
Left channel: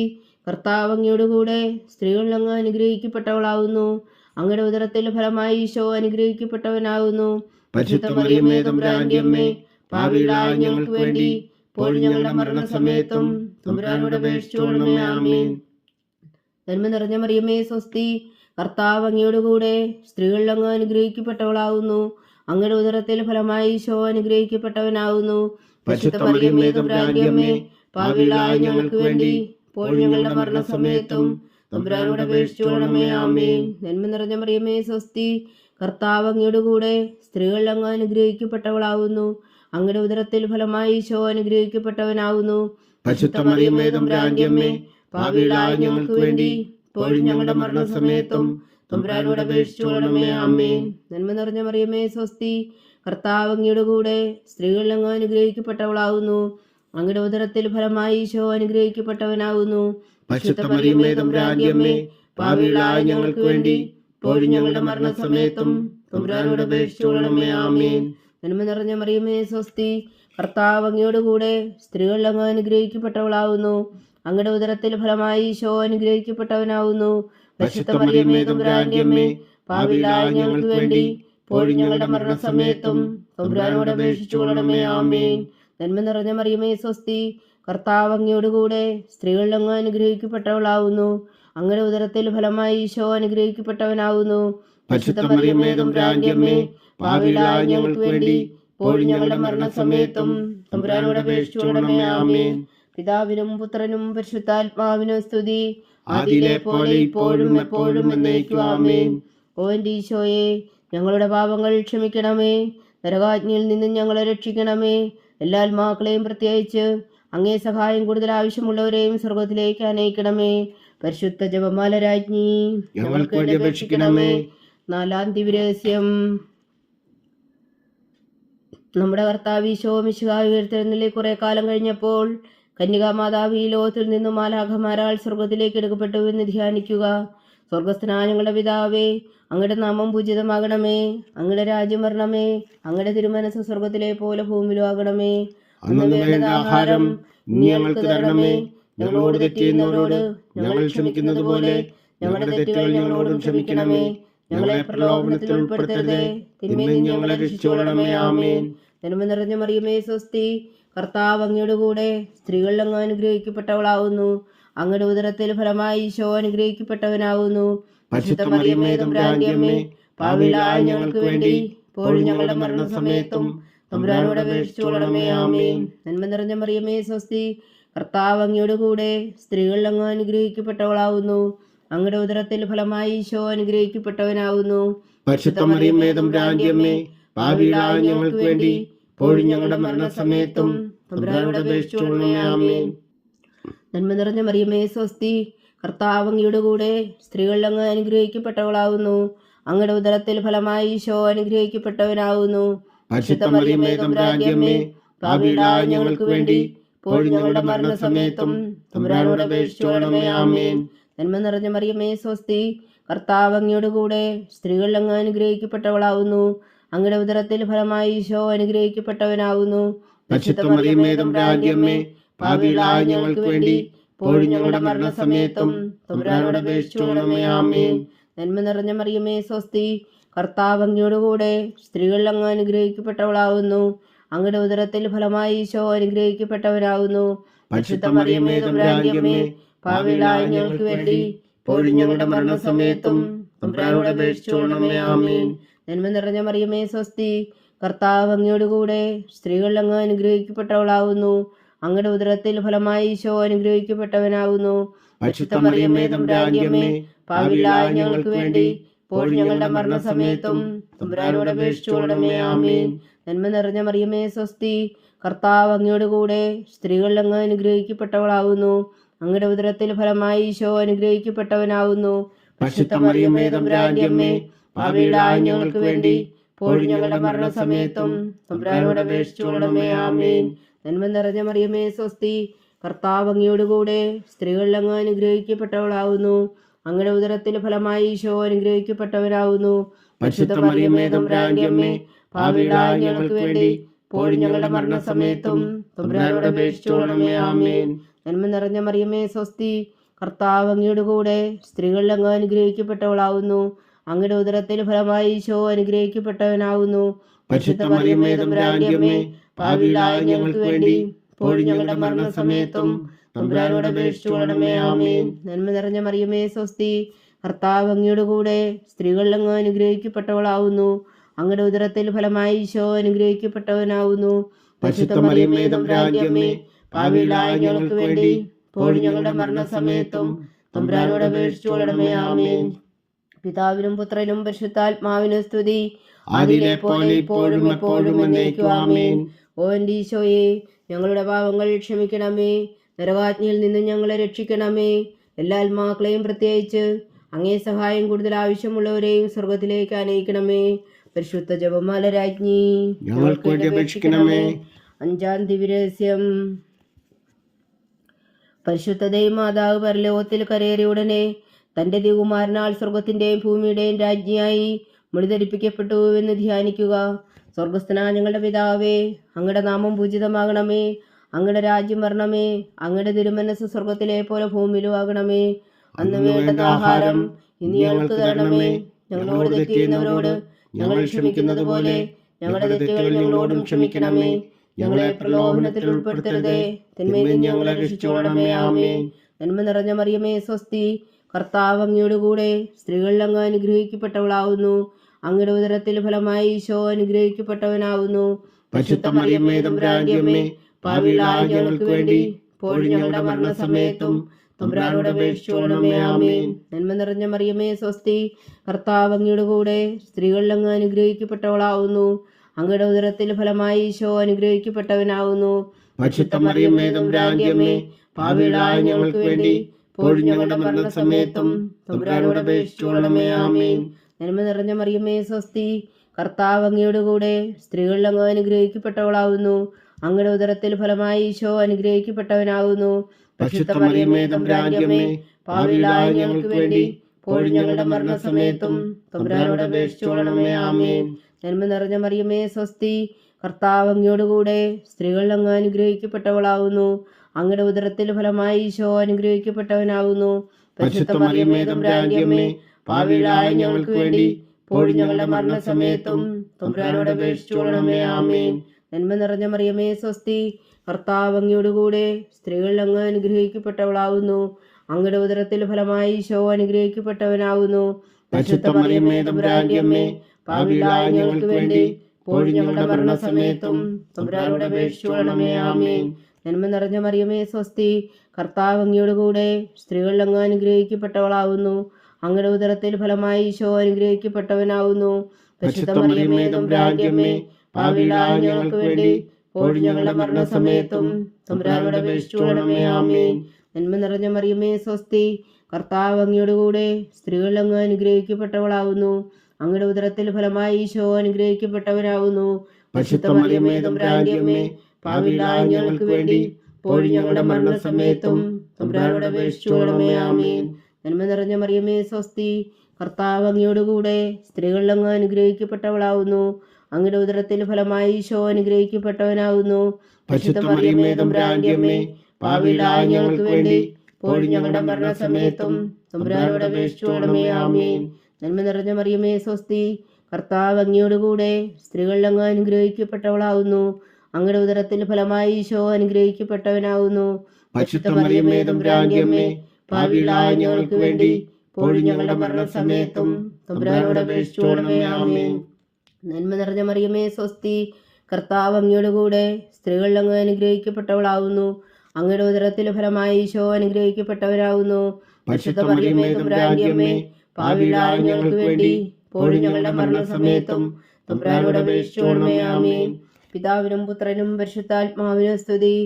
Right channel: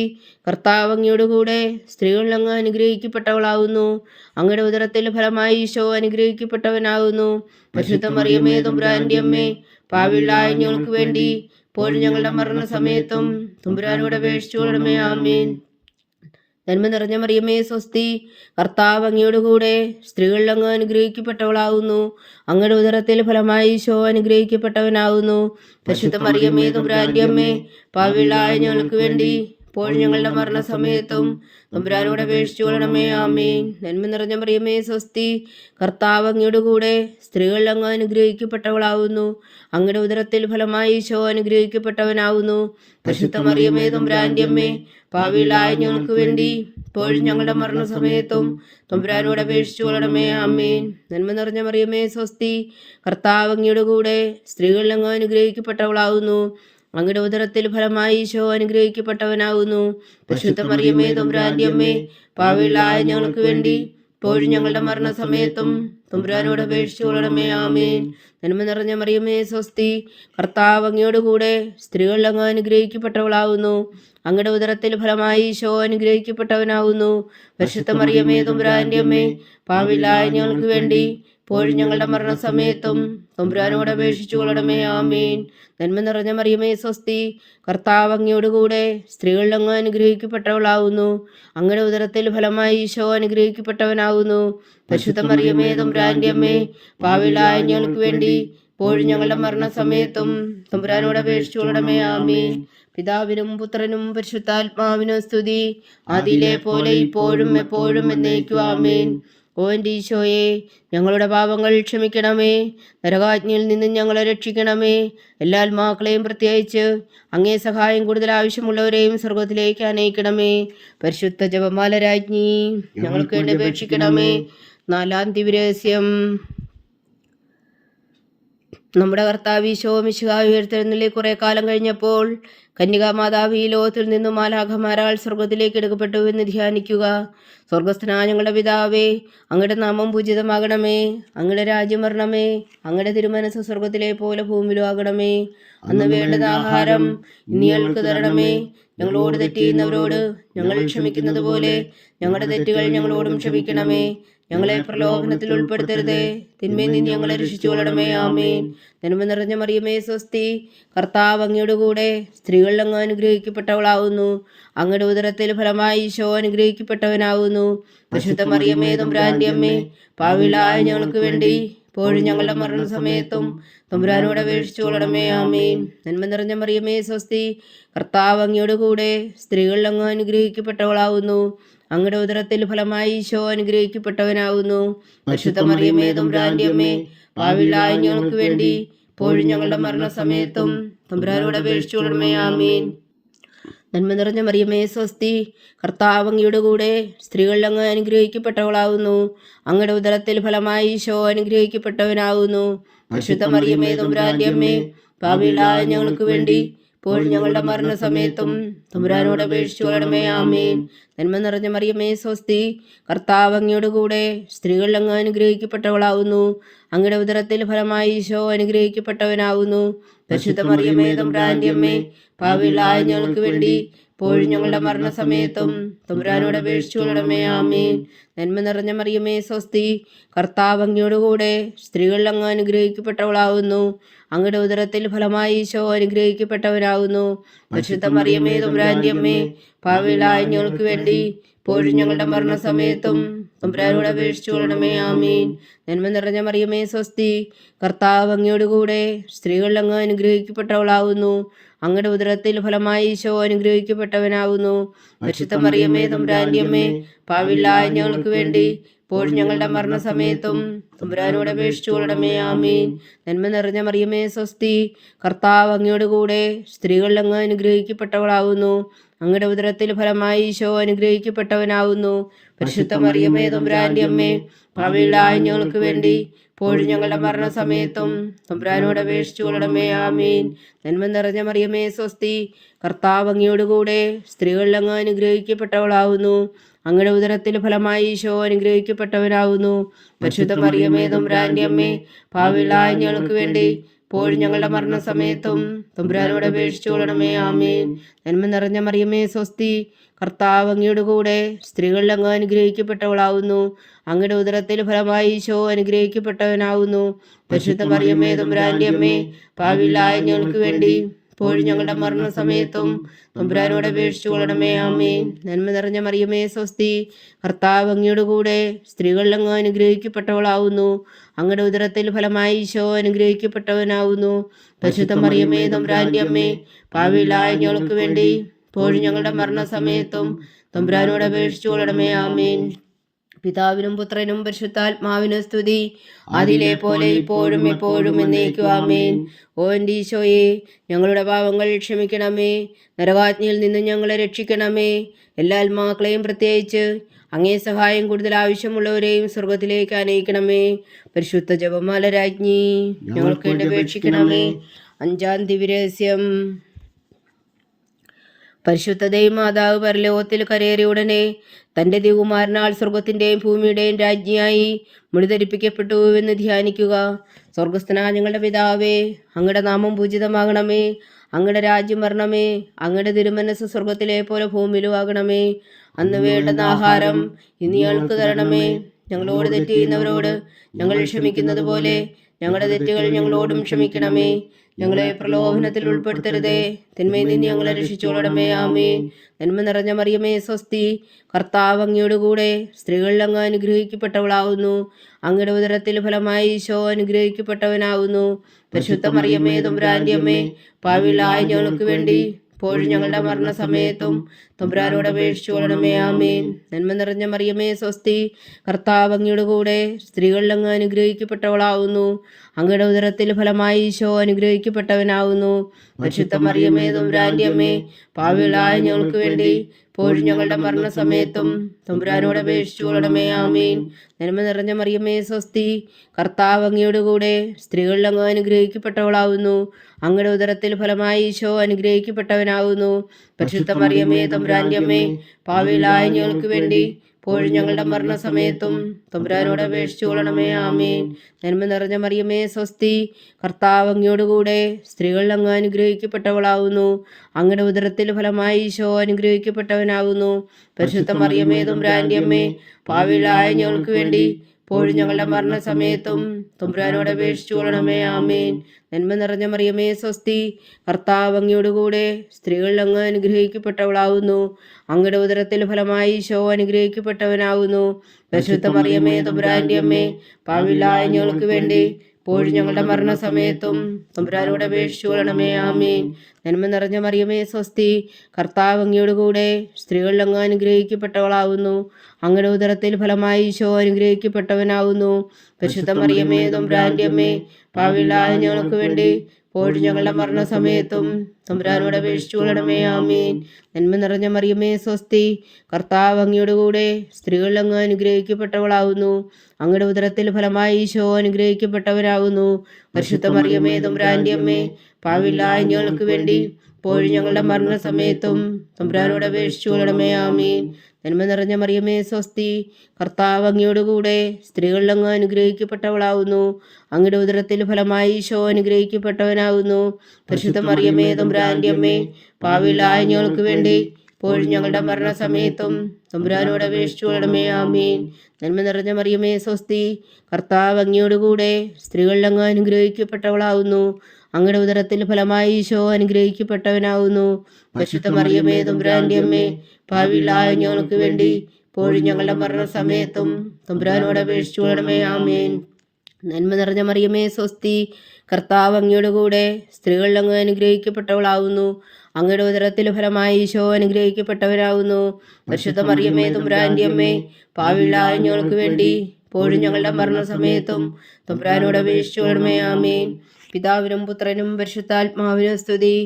കർത്താവ് അങ്ങയുടെ കൂടെ സ്ത്രീകളിൽ അങ്ങ് അനുഗ്രഹിക്കപ്പെട്ടവളാകുന്നു. അങ്ങയുടെ ഉദരത്തിൽ ഫലമായി ഈശോ അനുഗ്രഹിക്കപ്പെട്ടവനാകുന്നു. പരിശുദ്ധ മറിയമേ തമ്പുരാന്റെ അമ്മേ, പാപികളായ ഞങ്ങൾക്ക് വേണ്ടി ഇപ്പോഴും ഞങ്ങളുടെ മരണസമയത്തും തമ്പുരാനോട് അപേക്ഷിച്ചുകൊള്ളണമേ. ആമേൻ. നന്മ നിറഞ്ഞ മറിയമേ സ്വസ്തി, കർത്താവ് അങ്ങയുടെ കൂടെ സ്ത്രീകളിൽ അങ്ങ് അനുഗ്രഹിക്കപ്പെട്ടവളാകുന്നു. അങ്ങയുടെ ഉദരത്തിൽ ഫലമായി ഈശോ അനുഗ്രഹിക്കപ്പെട്ടവനാകുന്നു. പരിശുദ്ധ മറിയമേ തമ്പുരാന്റെ അമ്മേ, പാപികളായ ഞങ്ങൾക്ക് വേണ്ടി ഇപ്പോഴും ഞങ്ങളുടെ മരണസമയത്തും തമ്പുരാനോട് അപേക്ഷിച്ചുകൊള്ളണമേ. ആമേൻ. നന്മ നിറഞ്ഞ മറിയമേ സ്വസ്തി, കർത്താവ് അങ്ങയുടെ കൂടെ സ്ത്രീകളിൽ അങ്ങ് അനുഗ്രഹിക്കപ്പെട്ടവളാകുന്നു. അങ്ങയുടെ ഉദരത്തിൽ ഫലമായി ഈശോ അനുഗ്രഹിക്കപ്പെട്ടവനാകുന്നു. പരിശുദ്ധ മറിയമേ തമ്പുരാന്റെ അമ്മേ, പാപികളായ ഞങ്ങൾക്ക് വേണ്ടി ഇപ്പോഴും ഞങ്ങളുടെ മരണസമയത്തും തമ്പുരാനോട് അപേക്ഷിച്ചുകൊള്ളണമേ. ആമേൻ. നന്മ നിറഞ്ഞ മറിയമേ സ്വസ്തി, കർത്താവ് അങ്ങയുടെ കൂടെ സ്ത്രീകളിൽ അങ്ങ് അനുഗ്രഹിക്കപ്പെട്ടവളാകുന്നു. അങ്ങയുടെ ഉദരത്തിൽ ഫലമായി ഈശോ അനുഗ്രഹിക്കപ്പെട്ടവനാകുന്നു. പരിശുദ്ധ മറിയമേ തമ്പുരാന്റെ അമ്മേ, പാപികളായ ഞങ്ങൾക്ക് വേണ്ടി ഇപ്പോഴും ഞങ്ങളുടെ മരണസമയത്തും തമ്പുരാനോട് അപേക്ഷിച്ചുകൊള്ളണമേ. ആമേൻ. നന്മ നിറഞ്ഞ മറിയമേ സ്വസ്തി, കർത്താവ് അങ്ങയുടെ കൂടെ സ്ത്രീകളിൽ അങ്ങ് അനുഗ്രഹിക്കപ്പെട്ടവളാകുന്നു. അങ്ങയുടെ ഉദരത്തിൽ ഫലമായി ഈശോ അനുഗ്രഹിക്കപ്പെട്ടവനാകുന്നു. പരിശുദ്ധ മറിയമേ തമ്പുരാന്റെ അമ്മേ, പാപികളായ ഞങ്ങൾക്ക് വേണ്ടി ഇപ്പോഴും ഞങ്ങളുടെ മരണസമയത്തും തമ്പുരാനോട് അപേക്ഷിച്ചുകൊള്ളണമേ. ആമേൻ. നന്മ നിറഞ്ഞ മറിയമേ സ്വസ്തി, കർത്താവ് അങ്ങയുടെ കൂടെ സ്ത്രീകളിൽ അങ്ങ് അനുഗ്രഹിക്കപ്പെട്ടവളാകുന്നു. അങ്ങയുടെ ഉദരത്തിൽ ഫലമായി ഈശോ അനുഗ്രഹിക്കപ്പെട്ടവനാകുന്നു. പരിശുദ്ധ മറിയമേ തമ്പുരാന്റെ അമ്മേ, പാപികളായ ഞങ്ങൾക്ക് വേണ്ടി ഇപ്പോഴും ഞങ്ങളുടെ മരണസമയത്തും തമ്പുരാനോട് അപേക്ഷിച്ചുകൊള്ളണമേ. ആമേൻ. പിതാവിനും പുത്രനും പരിശുദ്ധാത്മാവിനും സ്തുതി, ആദിയിലെ പോലെ ഇപ്പോഴും എപ്പോഴും എന്നേക്കും. ആമേൻ. ഓ എൻ്റെ ഈശോയെ, ഞങ്ങളുടെ പാപങ്ങൾ ക്ഷമിക്കണമേ, നരകാജ്ഞയിൽ നിന്നും ഞങ്ങളെ രക്ഷിക്കണമേ. എല്ലാ ആത്മാക്കളെയും പ്രത്യേകിച്ച് അങ്ങേ സഹായം കൂടുതൽ ആവശ്യമുള്ളവരെയും സ്വർഗത്തിലേക്ക് അനയിക്കണമേ. പരിശുദ്ധ ജപമാല രാജ്ഞി, ഞങ്ങൾക്ക് വേണ്ടി അപേക്ഷിക്കണമേ. നാലാം ദിവ്യരഹസ്യം. നമ്മുടെ കർത്താവ് ഈശോ മിശിഹായി ഉയർത്തെഴുന്നള്ളി കുറെ കാലം കഴിഞ്ഞപ്പോൾ കന്യകാമാതാവ് ഈ ലോകത്തിൽ നിന്നും മാലാഖമാരാൽ സ്വർഗത്തിലേക്ക് എടുക്കപ്പെട്ടു എന്ന് ധ്യാനിക്കുക. സ്വർഗസ്ഥനായ ഞങ്ങളുടെ പിതാവേ, അങ്ങയുടെ നാമം പൂജിതമാകണമേ, അങ്ങയുടെ രാജ്യം വരണമേ, അങ്ങയുടെ തിരുമനസ് സ്വർഗത്തിലെ പോലെ ഭൂമിയിലും ആകണമേ. അന്ന് വേണ്ടുന്ന ആഹാരം ഇനി ഞങ്ങൾക്ക് തരണമേ. ഞങ്ങളോട് തെറ്റ് ചെയ്യുന്നവരോട് ഞങ്ങൾ ക്ഷമിക്കുന്നത് പോലെ ഞങ്ങളുടെ തെറ്റുകൾ ഞങ്ങളോടും ക്ഷമിക്കണമേ. ഞങ്ങളെ പ്രലോഭനത്തിൽ ഉൾപ്പെടുത്തരുതേ, തിന്മയിൽ നിന്ന് ഞങ്ങളെ രക്ഷിച്ചുകൊള്ളണമേ. ആമേൻ. നന്മ നിറഞ്ഞ മറിയമേ സ്വസ്തി, കർത്താവ് അങ്ങയുടെ കൂടെ സ്ത്രീകൾ അങ്ങ് അനുഗ്രഹിക്കപ്പെട്ടവളാവുന്നു. അങ്ങയുടെ ഉദരത്തിൽ ഫലമായി ഈശോ അനുഗ്രഹിക്കപ്പെട്ടവനാവുന്നു. പരിശുദ്ധ മറിയമേ തമ്പുരാന്റെ അമ്മേ, പാപികളായ ഞങ്ങൾക്ക് വേണ്ടി ഇപ്പോഴും ഞങ്ങളുടെ മരണസമയത്തും തമ്പുരാനോട് അപേക്ഷിച്ചുകൊള്ളണമേ. ആമേൻ. നന്മ നിറഞ്ഞ മറിയമേ സ്വസ്തി, കർത്താവ് അങ്ങയുടെ കൂടെ സ്ത്രീകൾ അങ്ങ് അനുഗ്രഹിക്കപ്പെട്ടവളാവുന്നു. അങ്ങയുടെ ഉദരത്തിൽ ഫലമായി ഈശോ അനുഗ്രഹിക്കപ്പെട്ടവനാവുന്നു. പരിശുദ്ധ മറിയമേ തമ്പുരാന്റെ അമ്മേ, പാപികളായ ഞങ്ങൾക്ക് വേണ്ടി ഇപ്പോഴും ഞങ്ങളുടെ മരണസമയത്തും തമ്പുരാനോട് അപേക്ഷിച്ചുകൊള്ളണമേ. ആമേൻ. നന്മ നിറഞ്ഞ മറിയമേ സ്വസ്തി, കർത്താവ് അങ്ങയുടെ കൂടെ സ്ത്രീകൾ അങ്ങ് അനുഗ്രഹിക്കപ്പെട്ടവളാവുന്നു. അങ്ങയുടെ ഉദരത്തിൽ ഫലമായി ഈശോ അനുഗ്രഹിക്കപ്പെട്ടവനാവുന്നു. പരിശുദ്ധ മറിയമേ തമ്പുരാന്റെ അമ്മേ, പാപികളായ ഞങ്ങൾക്ക് വേണ്ടി ഇപ്പോഴും ഞങ്ങളുടെ മരണസമയത്തും തമ്പുരാനോട് അപേക്ഷിച്ചുകൊള്ളണമേ. ആമേൻ. നന്മ നിറഞ്ഞ മറിയമേ സ്വസ്തി, കർത്താവ് അങ്ങയുടെ കൂടെ സ്ത്രീകൾ അങ്ങ് അനുഗ്രഹിക്കപ്പെട്ടവളാവുന്നു. അങ്ങയുടെ ഉദരത്തിൽ ഫലമായി ഈശോ അനുഗ്രഹിക്കപ്പെട്ടവനാവുന്നു. പരിശുദ്ധ മറിയമേ തമ്പുരാന്റെ അമ്മേ, പാപികളായ ഞങ്ങൾക്ക് വേണ്ടി ഇപ്പോഴും ഞങ്ങളുടെ മരണസമയത്തും തമ്പുരാനോട് അപേക്ഷിച്ചുകൊള്ളണമേ. ആമേൻ. നന്മ നിറഞ്ഞ മറിയമേ സ്വസ്തി, കർത്താവ് അങ്ങയുടെ കൂടെ സ്ത്രീകൾ അങ്ങ് അനുഗ്രഹിക്കപ്പെട്ടവളാവുന്നു. അങ്ങയുടെ ഉദരത്തിൽ ഫലമായി ഈശോ അനുഗ്രഹിക്കപ്പെട്ടവനാവുന്നു. പരിശുദ്ധ മറിയമേ തമ്പുരാന്റെ അമ്മേ, പാപികളായ ഞങ്ങൾക്ക് വേണ്ടി ഇപ്പോഴും ഞങ്ങളുടെ മരണസമയത്തും തമ്പുരാനോട് അപേക്ഷിച്ചുകൊള്ളണമേ. ആമേൻ. നന്മ നിറഞ്ഞ മറിയമേ സ്വസ്തി, കർത്താവ് അങ്ങയുടെ കൂടെ സ്ത്രീകൾ അങ്ങ് അനുഗ്രഹിക്കപ്പെട്ടവളാവുന്നു. അങ്ങയുടെ ഉദരത്തിൽ ഫലമായി ഈശോ അനുഗ്രഹിക്കപ്പെട്ടവനാവുന്നു. പരിശുദ്ധ മറിയമേ തമ്പുരാന്റെ അമ്മേ, പാപികളായ ഞങ്ങൾക്ക് വേണ്ടി ഇപ്പോഴും ഞങ്ങളുടെ മരണസമയത്തും തമ്പുരാനോട് അപേക്ഷിച്ചുകൊള്ളണമേ. ആമേൻ. നന്മ നിറഞ്ഞ മറിയമേ സ്വസ്തി, കർത്താവ് അങ്ങയുടെ കൂടെ സ്ത്രീകൾ അങ്ങ് അനുഗ്രഹിക്കപ്പെട്ടവളാവുന്നു. അങ്ങയുടെ ഉദരത്തിൽ ഫലമായി ഈശോ അനുഗ്രഹിക്കപ്പെട്ടവനാവുന്നു. പരിശുദ്ധ മറിയമേ തമ്പുരാന്റെ അമ്മേ, പാപികളായ ഞങ്ങൾക്ക് വേണ്ടി ഇപ്പോഴും ഞങ്ങളുടെ മരണസമയത്തും തമ്പുരാനോട് അപേക്ഷിച്ചുകൊള്ളണമേ. ആമേൻ. നന്മ നിറഞ്ഞ മറിയമേ സ്വസ്തി, കർത്താവ് അങ്ങയുടെ കൂടെ സ്ത്രീകൾ അങ്ങ് അനുഗ്രഹിക്കപ്പെട്ടവളാവുന്നു. അങ്ങയുടെ ഉദരത്തിൽ ഫലമായി ഈശോ അനുഗ്രഹിക്കപ്പെട്ടവനാവുന്നു. പരിശുദ്ധ മറിയമേ തമ്പുരാന്റെ അമ്മേ, പാപികളായ ഞങ്ങൾക്ക് വേണ്ടി ഇപ്പോഴും ഞങ്ങളുടെ മരണസമയത്തും തമ്പുരാനോട് അപേക്ഷിച്ചുകൊള്ളണമേ. ആമേൻ. നന്മ നിറഞ്ഞ മറിയമേ സ്വസ്തി, കർത്താവ് അങ്ങയുടെ കൂടെ സ്ത്രീകൾ അങ്ങ് അനുഗ്രഹിക്കപ്പെട്ടവളാവുന്നു. അങ്ങയുടെ ഉദരത്തിൽ ഫലമായി ഈശോ അനുഗ്രഹിക്കപ്പെട്ടവനാവുന്നു. പരിശുദ്ധ മറിയമേ തമ്പുരാന്റെ അമ്മേ, പാപികളായ ഞങ്ങൾക്ക് വേണ്ടി ഇപ്പോഴും ഞങ്ങളുടെ മരണസമയത്തും തമ്പുരാനോട് അപേക്ഷിച്ചുകൊള്ളണമേ. ആമേൻ. നന്മ നിറഞ്ഞ മറിയമേ സ്വസ്തി, കർത്താവ് അങ്ങയുടെ കൂടെ സ്ത്രീകൾ അങ്ങ് അനുഗ്രഹിക്കപ്പെട്ടവളാവുന്നു. അങ്ങയുടെ ഉദരത്തിൽ ഫലമായി ഈശോ അനുഗ്രഹിക്കപ്പെട്ടവനാവുന്നു. പരിശുദ്ധ മറിയമേ തമ്പുരാന്റെ അമ്മേ, പാപികളായ ഞങ്ങൾക്ക് വേണ്ടി ഇപ്പോഴും ഞങ്ങളുടെ മരണസമയത്തും തമ്പുരാനോട് അപേക്ഷിച്ചുകൊള്ളണമേ. ആമേൻ. പിതാവിനും പുത്രനും പരിശുദ്ധാത്മാവിനും സ്തുതി, അതിലെ പോലെ ഇപ്പോഴും എപ്പോഴും എന്നേക്കും. ആമേൻ. ഓ എൻ്റെ ഈശോയെ, ഞങ്ങളുടെ പാപങ്ങൾ ക്ഷമിക്കണമേ, നരകാജ്ഞയിൽ നിന്ന് ഞങ്ങളെ രക്ഷിക്കണമേ. എല്ലാ ആത്മാക്കളെയും പ്രത്യേകിച്ച് അങ്ങേ സഹായം കൂടുതൽ ആവശ്യമുള്ളവരെയും സ്വർഗത്തിലേക്ക് അനയിക്കണമേ. പരിശുദ്ധ ജപമാല രാജ്ഞി, ഞങ്ങൾക്ക് വേണ്ടി അപേക്ഷിക്കണമേ. അഞ്ചാം ദിവ്യരഹസ്യം. പരിശുദ്ധ ദൈവമാതാവ് പരലോകത്തിൽ കരയേറിയ ഉടനെ തൻ്റെ ദിവകുമാരനാൽ സ്വർഗത്തിൻ്റെയും ഭൂമിയുടെയും രാജ്ഞിയായി മുടിധരിപ്പിക്കപ്പെട്ടു എന്ന് ധ്യാനിക്കുക. സ്വർഗസ്ഥനായ ഞങ്ങളുടെ പിതാവേ, അങ്ങയുടെ നാമം പൂജിതമാകണമേ, അങ്ങയുടെ രാജ്യം വരണമേ, അങ്ങയുടെ തിരുമനസ് സ്വർഗത്തിലെ പോലെ ഭൂമിയിലും ആകണമേ. അന്ന് വേണ്ടുന്ന ആഹാരം ഇനി ഞങ്ങൾക്ക് തരണമേ. ഞങ്ങളോട് തെറ്റ് ചെയ്യുന്നവരോട് ഞങ്ങൾ ക്ഷമിക്കുന്നത് പോലെ ഞങ്ങളുടെ തെറ്റുകൾ ഞങ്ങളോടും ക്ഷമിക്കണമേ. ഞങ്ങളെ പ്രലോഭനത്തിൽ ഉൾപ്പെടുത്തരുതേ, തിന്മയിൽ നിന്ന് ഞങ്ങളെ രക്ഷിച്ചുകൊള്ളണമേ. ആമേൻ. നന്മ നിറഞ്ഞ മറിയമേ സ്വസ്തി, കർത്താവ് അങ്ങയുടെ കൂടെ സ്ത്രീകൾ അങ്ങ് അനുഗ്രഹിക്കപ്പെട്ടവളാവുന്നു. അങ്ങയുടെ ഉദരത്തിൽ ഫലമായി ഈശോ അനുഗ്രഹിക്കപ്പെട്ടവനാവുന്നു. പരിശുദ്ധ മറിയമേ തമ്പുരാന്റെ അമ്മേ, പാപികളായ ഞങ്ങൾക്ക് വേണ്ടി ഇപ്പോഴും ഞങ്ങളുടെ മരണസമയത്തും തമ്പുരാനോട് അപേക്ഷിച്ചുകൊള്ളണമേ. ആമേൻ. നന്മ നിറഞ്ഞ മറിയമേ സ്വസ്തി, കർത്താവ് അങ്ങയുടെ കൂടെ സ്ത്രീകൾ അങ്ങ് അനുഗ്രഹിക്കപ്പെട്ടവളാവുന്നു. അങ്ങയുടെ ഉദരത്തിൽ ഫലമായി ഈശോ അനുഗ്രഹിക്കപ്പെട്ടവനാവുന്നു. പരിശുദ്ധ മറിയമേ തമ്പുരാന്റെ അമ്മേ, പാപികളായ ഞങ്ങൾക്ക് വേണ്ടി ഇപ്പോഴും ഞങ്ങളുടെ മരണസമയത്തും തമ്പുരാനോട് അപേക്ഷിച്ചുകൊള്ളണമേ. ആമേൻ. നന്മ നിറഞ്ഞ മറിയമേ സ്വസ്തി, കർത്താവ് അങ്ങയോടുകൂടെ സ്ത്രീകളിൽ അങ്ങ് അനുഗ്രഹിക്കപ്പെട്ടവളാവുന്നു. അങ്ങയുടെ ഉദരത്തിൽ ഫലമായി ഈശോ അനുഗ്രഹിക്കപ്പെട്ടവനാവുന്നു. പരിശുദ്ധ മറിയമേ തമ്പുരാന്റെ അമ്മേ, പാപികളായ ഞങ്ങൾക്ക് വേണ്ടി ഇപ്പോഴും ഞങ്ങളുടെ മരണസമയത്തും തമ്പുരാനോട് അപേക്ഷിച്ചു കൊള്ളണമേ. ആമേൻ. നന്മ നിറഞ്ഞ മറിയമേ സ്വസ്തി, കർത്താവ് അങ്ങയോടുകൂടെ സ്ത്രീകളിൽ അങ്ങ് അനുഗ്രഹിക്കപ്പെട്ടവളാവുന്നു. അങ്ങയുടെ ഉദരത്തിൽ ഫലമായി ഈശോ അനുഗ്രഹിക്കപ്പെട്ടവനാകുന്നു. പരിശുദ്ധ മറിയമേ തമ്പുരാന്റെ അമ്മേ, പാപികളായ ഞങ്ങൾക്ക് വേണ്ടി ഇപ്പോഴും ഞങ്ങളുടെ മരണസമയത്തും തമ്പുരാനോട് അപേക്ഷിച്ചു കൊള്ളണമേ. ആമേൻ. നന്മ നിറഞ്ഞ മറിയമേ സ്വസ്തി, കർത്താവ് അങ്ങയോടുകൂടെ സ്ത്രീകളിൽ അങ്ങ് അനുഗ്രഹിക്കപ്പെട്ടവളാവുന്നു. അങ്ങയുടെ ഉദരത്തിൽ ഫലമായി ഈശോ അനുഗ്രഹിക്കപ്പെട്ടവനാകുന്നു. പരിശുദ്ധ മറിയമേ തമ്പുരാന്റെ അമ്മേ, പാപികളായ ഞങ്ങൾക്ക് വേണ്ടി ഇപ്പോഴും ഞങ്ങളുടെ മരണസമയത്തും തമ്പുരാനോട് അപേക്ഷിച്ചു കൊള്ളണമേ. ആമേൻ. നന്മ നിറഞ്ഞ മറിയമേ സ്വസ്തി, കർത്താവ് അങ്ങയോടുകൂടെ സ്ത്രീകളിൽ അങ്ങ് അനുഗ്രഹിക്കപ്പെട്ടവളാവുന്നു. അങ്ങയുടെ ഉദരത്തിൽ ഫലമായി ഈശോ അനുഗ്രഹിക്കപ്പെട്ടവനാകുന്നു. പരിശുദ്ധ മറിയമേ തമ്പുരാന്റെ അമ്മേ, പാപികളായ ഞങ്ങൾക്ക് വേണ്ടി ഇപ്പോഴും ഞങ്ങളുടെ മരണസമയത്തും തമ്പുരാനോട് അപേക്ഷിച്ചു കൊള്ളണമേ. ആമേൻ. നന്മ നിറഞ്ഞ മറിയമേ സ്വസ്തി, കർത്താവ് അങ്ങയോടുകൂടെ സ്ത്രീകളിൽ അങ്ങ് അനുഗ്രഹിക്കപ്പെട്ടവളാവുന്നു. അങ്ങയുടെ ഉദരത്തിൽ ഫലമായി ഈശോ അനുഗ്രഹിക്കപ്പെട്ടവനാകുന്നു. പരിശുദ്ധ മറിയമേ തമ്പുരാന്റെ അമ്മേ, പാപികളായ ഞങ്ങൾക്ക് വേണ്ടി ഇപ്പോഴും ഞങ്ങളുടെ മരണസമയത്തും തമ്പുരാനോട് അപേക്ഷിച്ചു കൊള്ളണമേ. ആമേൻ. നന്മ നിറഞ്ഞ മറിയമേ സ്വസ്തി, കർത്താവ് അങ്ങയോടുകൂടെ സ്ത്രീകളിൽ അങ്ങ് അനുഗ്രഹിക്കപ്പെട്ടവളാവുന്നു. അങ്ങയുടെ ഉദരത്തിൽ ഫലമായി ഈശോ അനുഗ്രഹിക്കപ്പെട്ടവനാകുന്നു. പരിശുദ്ധ മറിയമേ തമ്പുരാന്റെ അമ്മേ, പാപികളായ ഞങ്ങൾക്ക് വേണ്ടി ഇപ്പോഴും ഞങ്ങളുടെ മരണസമയത്തും തമ്പുരാനോട് അപേക്ഷിച്ചു കൊള്ളണമേ. ആമേൻ. നന്മ നിറഞ്ഞ മറിയമേ സ്വസ്തി, കർത്താവ് അങ്ങയോടുകൂടെ സ്ത്രീകളിൽ അങ്ങ് അനുഗ്രഹിക്കപ്പെട്ടവളാവുന്നു. അങ്ങയുടെ ഉദരത്തിൽ ഫലമായി ഈശോ അനുഗ്രഹിക്കപ്പെട്ടവനാകുന്നു. പരിശുദ്ധ മറിയമേ തമ്പുരാന്റെ അമ്മേ, പാപികളായ ഞങ്ങൾക്ക് വേണ്ടി ഇപ്പോഴും ഞങ്ങളുടെ മരണസമയത്തും തമ്പുരാനോട് അപേക്ഷിച്ചു കൊള്ളണമേ. ആമേൻ. നന്മ നിറഞ്ഞ മറിയമേ സ്വസ്തി, കർത്താവ് അങ്ങയോടുകൂടെ സ്ത്രീകളിൽ അങ്ങ് അനുഗ്രഹിക്കപ്പെട്ടവളാവുന്നു. അങ്ങയുടെ ഉദരത്തിൽ ഫലമായി ഈശോ അനുഗ്രഹിക്കപ്പെട്ടവനാകുന്നു. പരിശുദ്ധ മറിയമേ തമ്പുരാന്റെ അമ്മേ, പാപികളായ ഞങ്ങൾക്ക് വേണ്ടി ഇപ്പോഴും ഞങ്ങളുടെ മരണസമയത്തും തമ്പുരാനോട് അപേക്ഷിച്ചു കൊള്ളണമേ. ആമേൻ. പിതാവിനും പുത്രനും പരിശുദ്ധാത്മാവിനും സ്തുതി,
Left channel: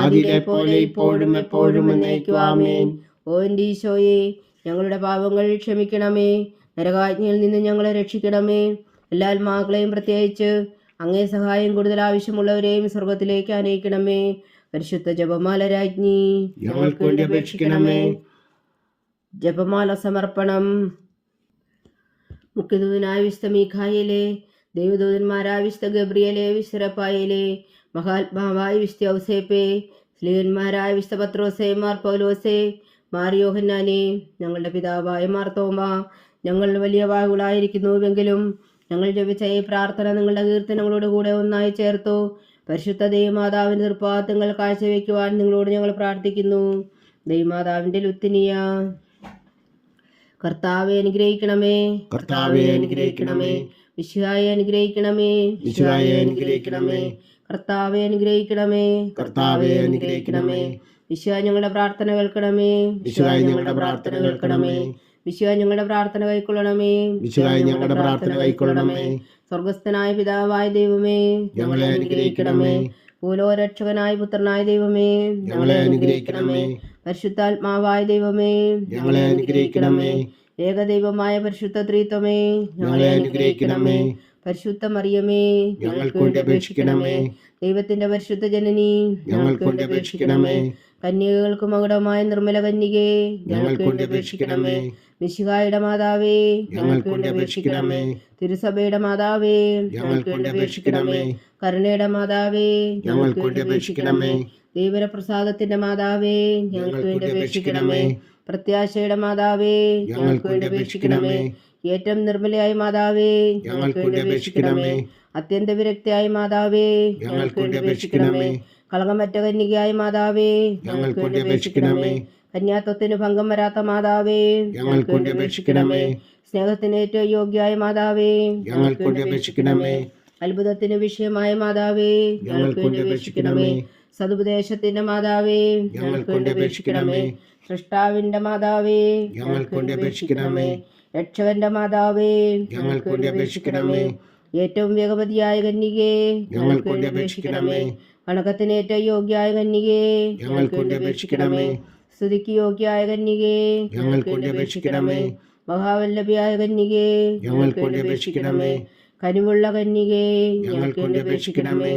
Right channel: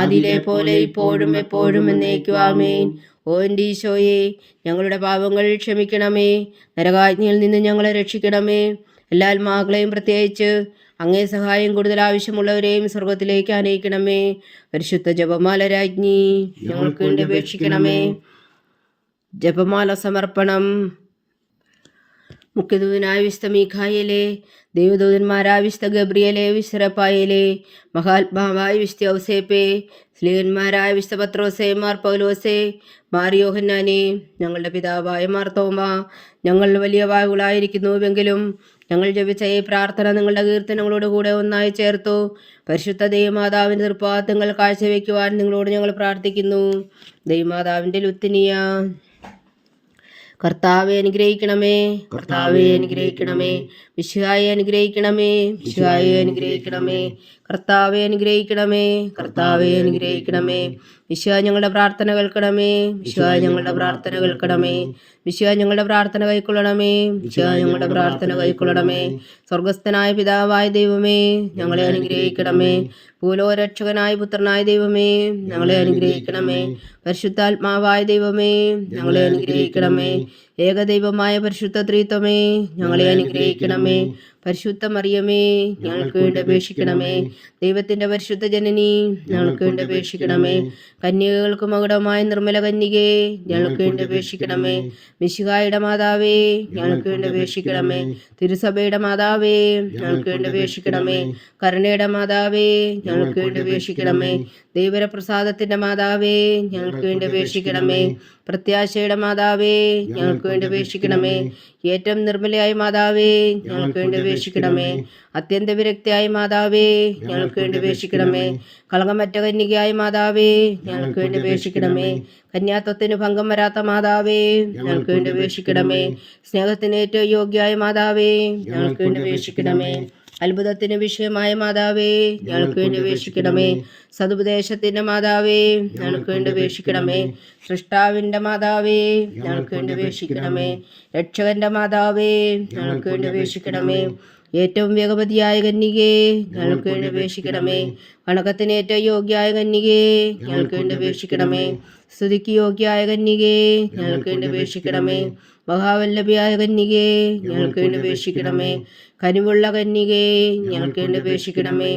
ആദിയിലെ പോലെ ഇപ്പോഴും എപ്പോഴും എന്നേക്കും. ആമേൻ. ഓ എൻ്റെ ഈശോയെ, ഞങ്ങളുടെ പാപങ്ങൾ ക്ഷമിക്കണമേ. നരകാജ്ഞയിൽ നിന്ന് ഞങ്ങളെ രക്ഷിക്കണമേ. എല്ലാ ആത്മാക്കളെയും പ്രത്യേകിച്ച് അങ്ങേ സഹായം കൂടുതൽ ആവശ്യമുള്ളവരെയും സ്വർഗത്തിലേക്ക് ആനയിക്കണമേ. പരിശുദ്ധ ജപമാല രാജ്ഞി, ഞങ്ങൾക്ക് വേണ്ടി അപേക്ഷിക്കണമേ. ജപമാല സമർപ്പണം. മുഖ്യദൂതനായ വിശുദ്ധ മീഖായേലേ, ദൈവദൂതന്മാരായ വിശുദ്ധ ഗബ്രിയേലേ, വിശുദ്ധ റഫായേലേ, മഹാത്മാവായ വിശുദ്ധ ഔസേപ്പേ, സ്ലീഹന്മാരായ വിശുദ്ധ പത്രോസേ, മാർ പൗലോസേ, മാർ യോഹന്നാനേ, ഞങ്ങളുടെ പിതാവായ മാർ തോമാ, ഞങ്ങൾ വലിയ വായുകളായിരിക്കുന്നുവെങ്കിലും ഞങ്ങൾ ജപിച്ച ഈ പ്രാർത്ഥന നിങ്ങളുടെ കീർത്തനങ്ങളോടുകൂടെ ഒന്നായി ചേർത്തു പരിശുദ്ധ ദൈവമാതാവിൻ്റെ തൃപ്പാദങ്ങൾ കാഴ്ചവെക്കുവാൻ നിങ്ങളോട് ഞങ്ങൾ പ്രാർത്ഥിക്കുന്നു. ദൈവമാതാവിൻ്റെ ലുത്തിനിയ. കർത്താവെ അനുഗ്രഹിക്കണമേ, കർത്താവെ അനുഗ്രഹിക്കണമേ. മിശിഹായെ അനുഗ്രഹിക്കണമേ, മിശിഹായെ അനുഗ്രഹിക്കണമേ. കർത്താവെ അനുഗ്രഹിക്കണമേ, കർത്താവെ അനുഗ്രഹിക്കണമേ. മിശിഹാ ഞങ്ങളുടെ പ്രാർത്ഥന കേൾക്കണമേ, മിശിഹാ ഞങ്ങളുടെ പ്രാർത്ഥന കേൾക്കണമേ. മിശിഹാ ഞങ്ങളുടെ പ്രാർത്ഥന കൈക്കൊള്ളണമേ, മിശിഹാ ഞങ്ങളുടെ പ്രാർത്ഥന കൈക്കൊള്ളണമേ. സ്വർഗസ്ഥനായ പിതാവായ ദൈവമേ, ഞങ്ങളെ അനുഗ്രഹിക്കണമേ. ഭൂലോകരക്ഷകനായ പുത്രനായ ദൈവമേ, ഞങ്ങളെ അനുഗ്രഹിക്കണമേ. പരിശുദ്ധാത്മാവായ ദൈവമേ, ഞങ്ങളെ അനുഗ്രഹിക്കണമേ. ഏകദൈവമായ പരിശുദ്ധ ത്രിത്വമേ, ഞങ്ങളെ അനുഗ്രഹിക്കണമേ. പരിശുദ്ധ മറിയമേ, ഞങ്ങൾക്ക് വേണ്ടി അപേക്ഷിക്കണമേ. ദൈവത്തിന്റെ പരിശുദ്ധ ജനനി, ഞങ്ങൾക്ക് വേണ്ടി അപേക്ഷിക്കണമേ. കന്യകൾക്ക് മകുടമായ നിർമ്മല കന്യകേ, ഞങ്ങൾക്ക് വേണ്ടി അപേക്ഷിക്കണമേ. മിശിഹായുടെ മാതാവേ, ഞങ്ങൾക്ക് വേണ്ടി അപേക്ഷിക്കണമേ. തിരുസഭയുടെ മാതാവേ, ഞങ്ങൾക്ക് വേണ്ടി അപേക്ഷിക്കണമേ. കരുണയുടെ മാതാവേ, ഞങ്ങൾക്ക് വേണ്ടി അപേക്ഷിക്കണമേ. ദൈവപ്രസാദത്തിന്റെ മാതാവേ, ഞങ്ങൾക്ക് വേണ്ടി അപേക്ഷിക്കണമേ. പ്രത്യാശയുടെ മാതാവേ, ഞങ്ങൾക്ക് വേണ്ടി അപേക്ഷിക്കണമേ. ഏറ്റവും നിർമ്മലയായ മാതാവേ, ഞങ്ങൾക്ക് വേണ്ടി അപേക്ഷിക്കണമേ. അത്യന്ത വിരക്തിയായ മാതാവേ, ഞങ്ങൾക്ക് വേണ്ടി അപേക്ഷിക്കണമേ. കളങ്കമറ്റ കന്യകയായ മാതാവേ, ഞങ്ങൾക്ക് വേണ്ടി അപേക്ഷിക്കണമേ. കന്യാത്വത്തിന് ഭംഗം വരാത്ത മാതാവേ, ഞങ്ങൾക്ക് വേണ്ടി അപേക്ഷിക്കണമേ. സ്നേഹത്തിന് ഏറ്റവും യോഗ്യയായ മാതാവേ, ഞങ്ങൾക്ക് വേണ്ടി അപേക്ഷിക്കണമേ. അത്ഭുതത്തിന് വിഷയമായ മാതാവേ, ഞങ്ങൾക്ക് വേണ്ടി അപേക്ഷിക്കണമേ. സതുപദേശത്തിന്റെ മാതാവേ, ഞങ്ങൾക്ക് വേണ്ടി അപേക്ഷിക്കണമേ. സൃഷ്ടാവിന്റെ മാതാവേ, ഞങ്ങൾക്ക് വേണ്ടി അപേക്ഷിക്കണമേ. രക്ഷകന്റെ മാതാവേ, ഞങ്ങൾക്ക് വേണ്ടി അപേക്ഷിക്കണമേ. ഏറ്റവും വേഗവതിയായ കന്യകേ, ഞങ്ങൾക്ക് വേണ്ടി അപേക്ഷിക്കണമേ. വണക്കത്തിന് ഏറ്റവും യോഗ്യയായ കന്യകേ, ഞങ്ങൾക്ക് വേണ്ടി അപേക്ഷിക്കണമേ. സ്തുതിക്ക് യോഗ്യയായ കന്യകേ, ഞങ്ങൾക്ക് വേണ്ടി അപേക്ഷിക്കണമേ. മഹാവല്ലഭിയായ കന്യകേ, ഞങ്ങൾക്ക് വേണ്ടി അപേക്ഷിക്കണമേ. കനിവുള്ള കന്യകേ, ഞങ്ങൾക്ക് വേണ്ടി അപേക്ഷിക്കണമേ.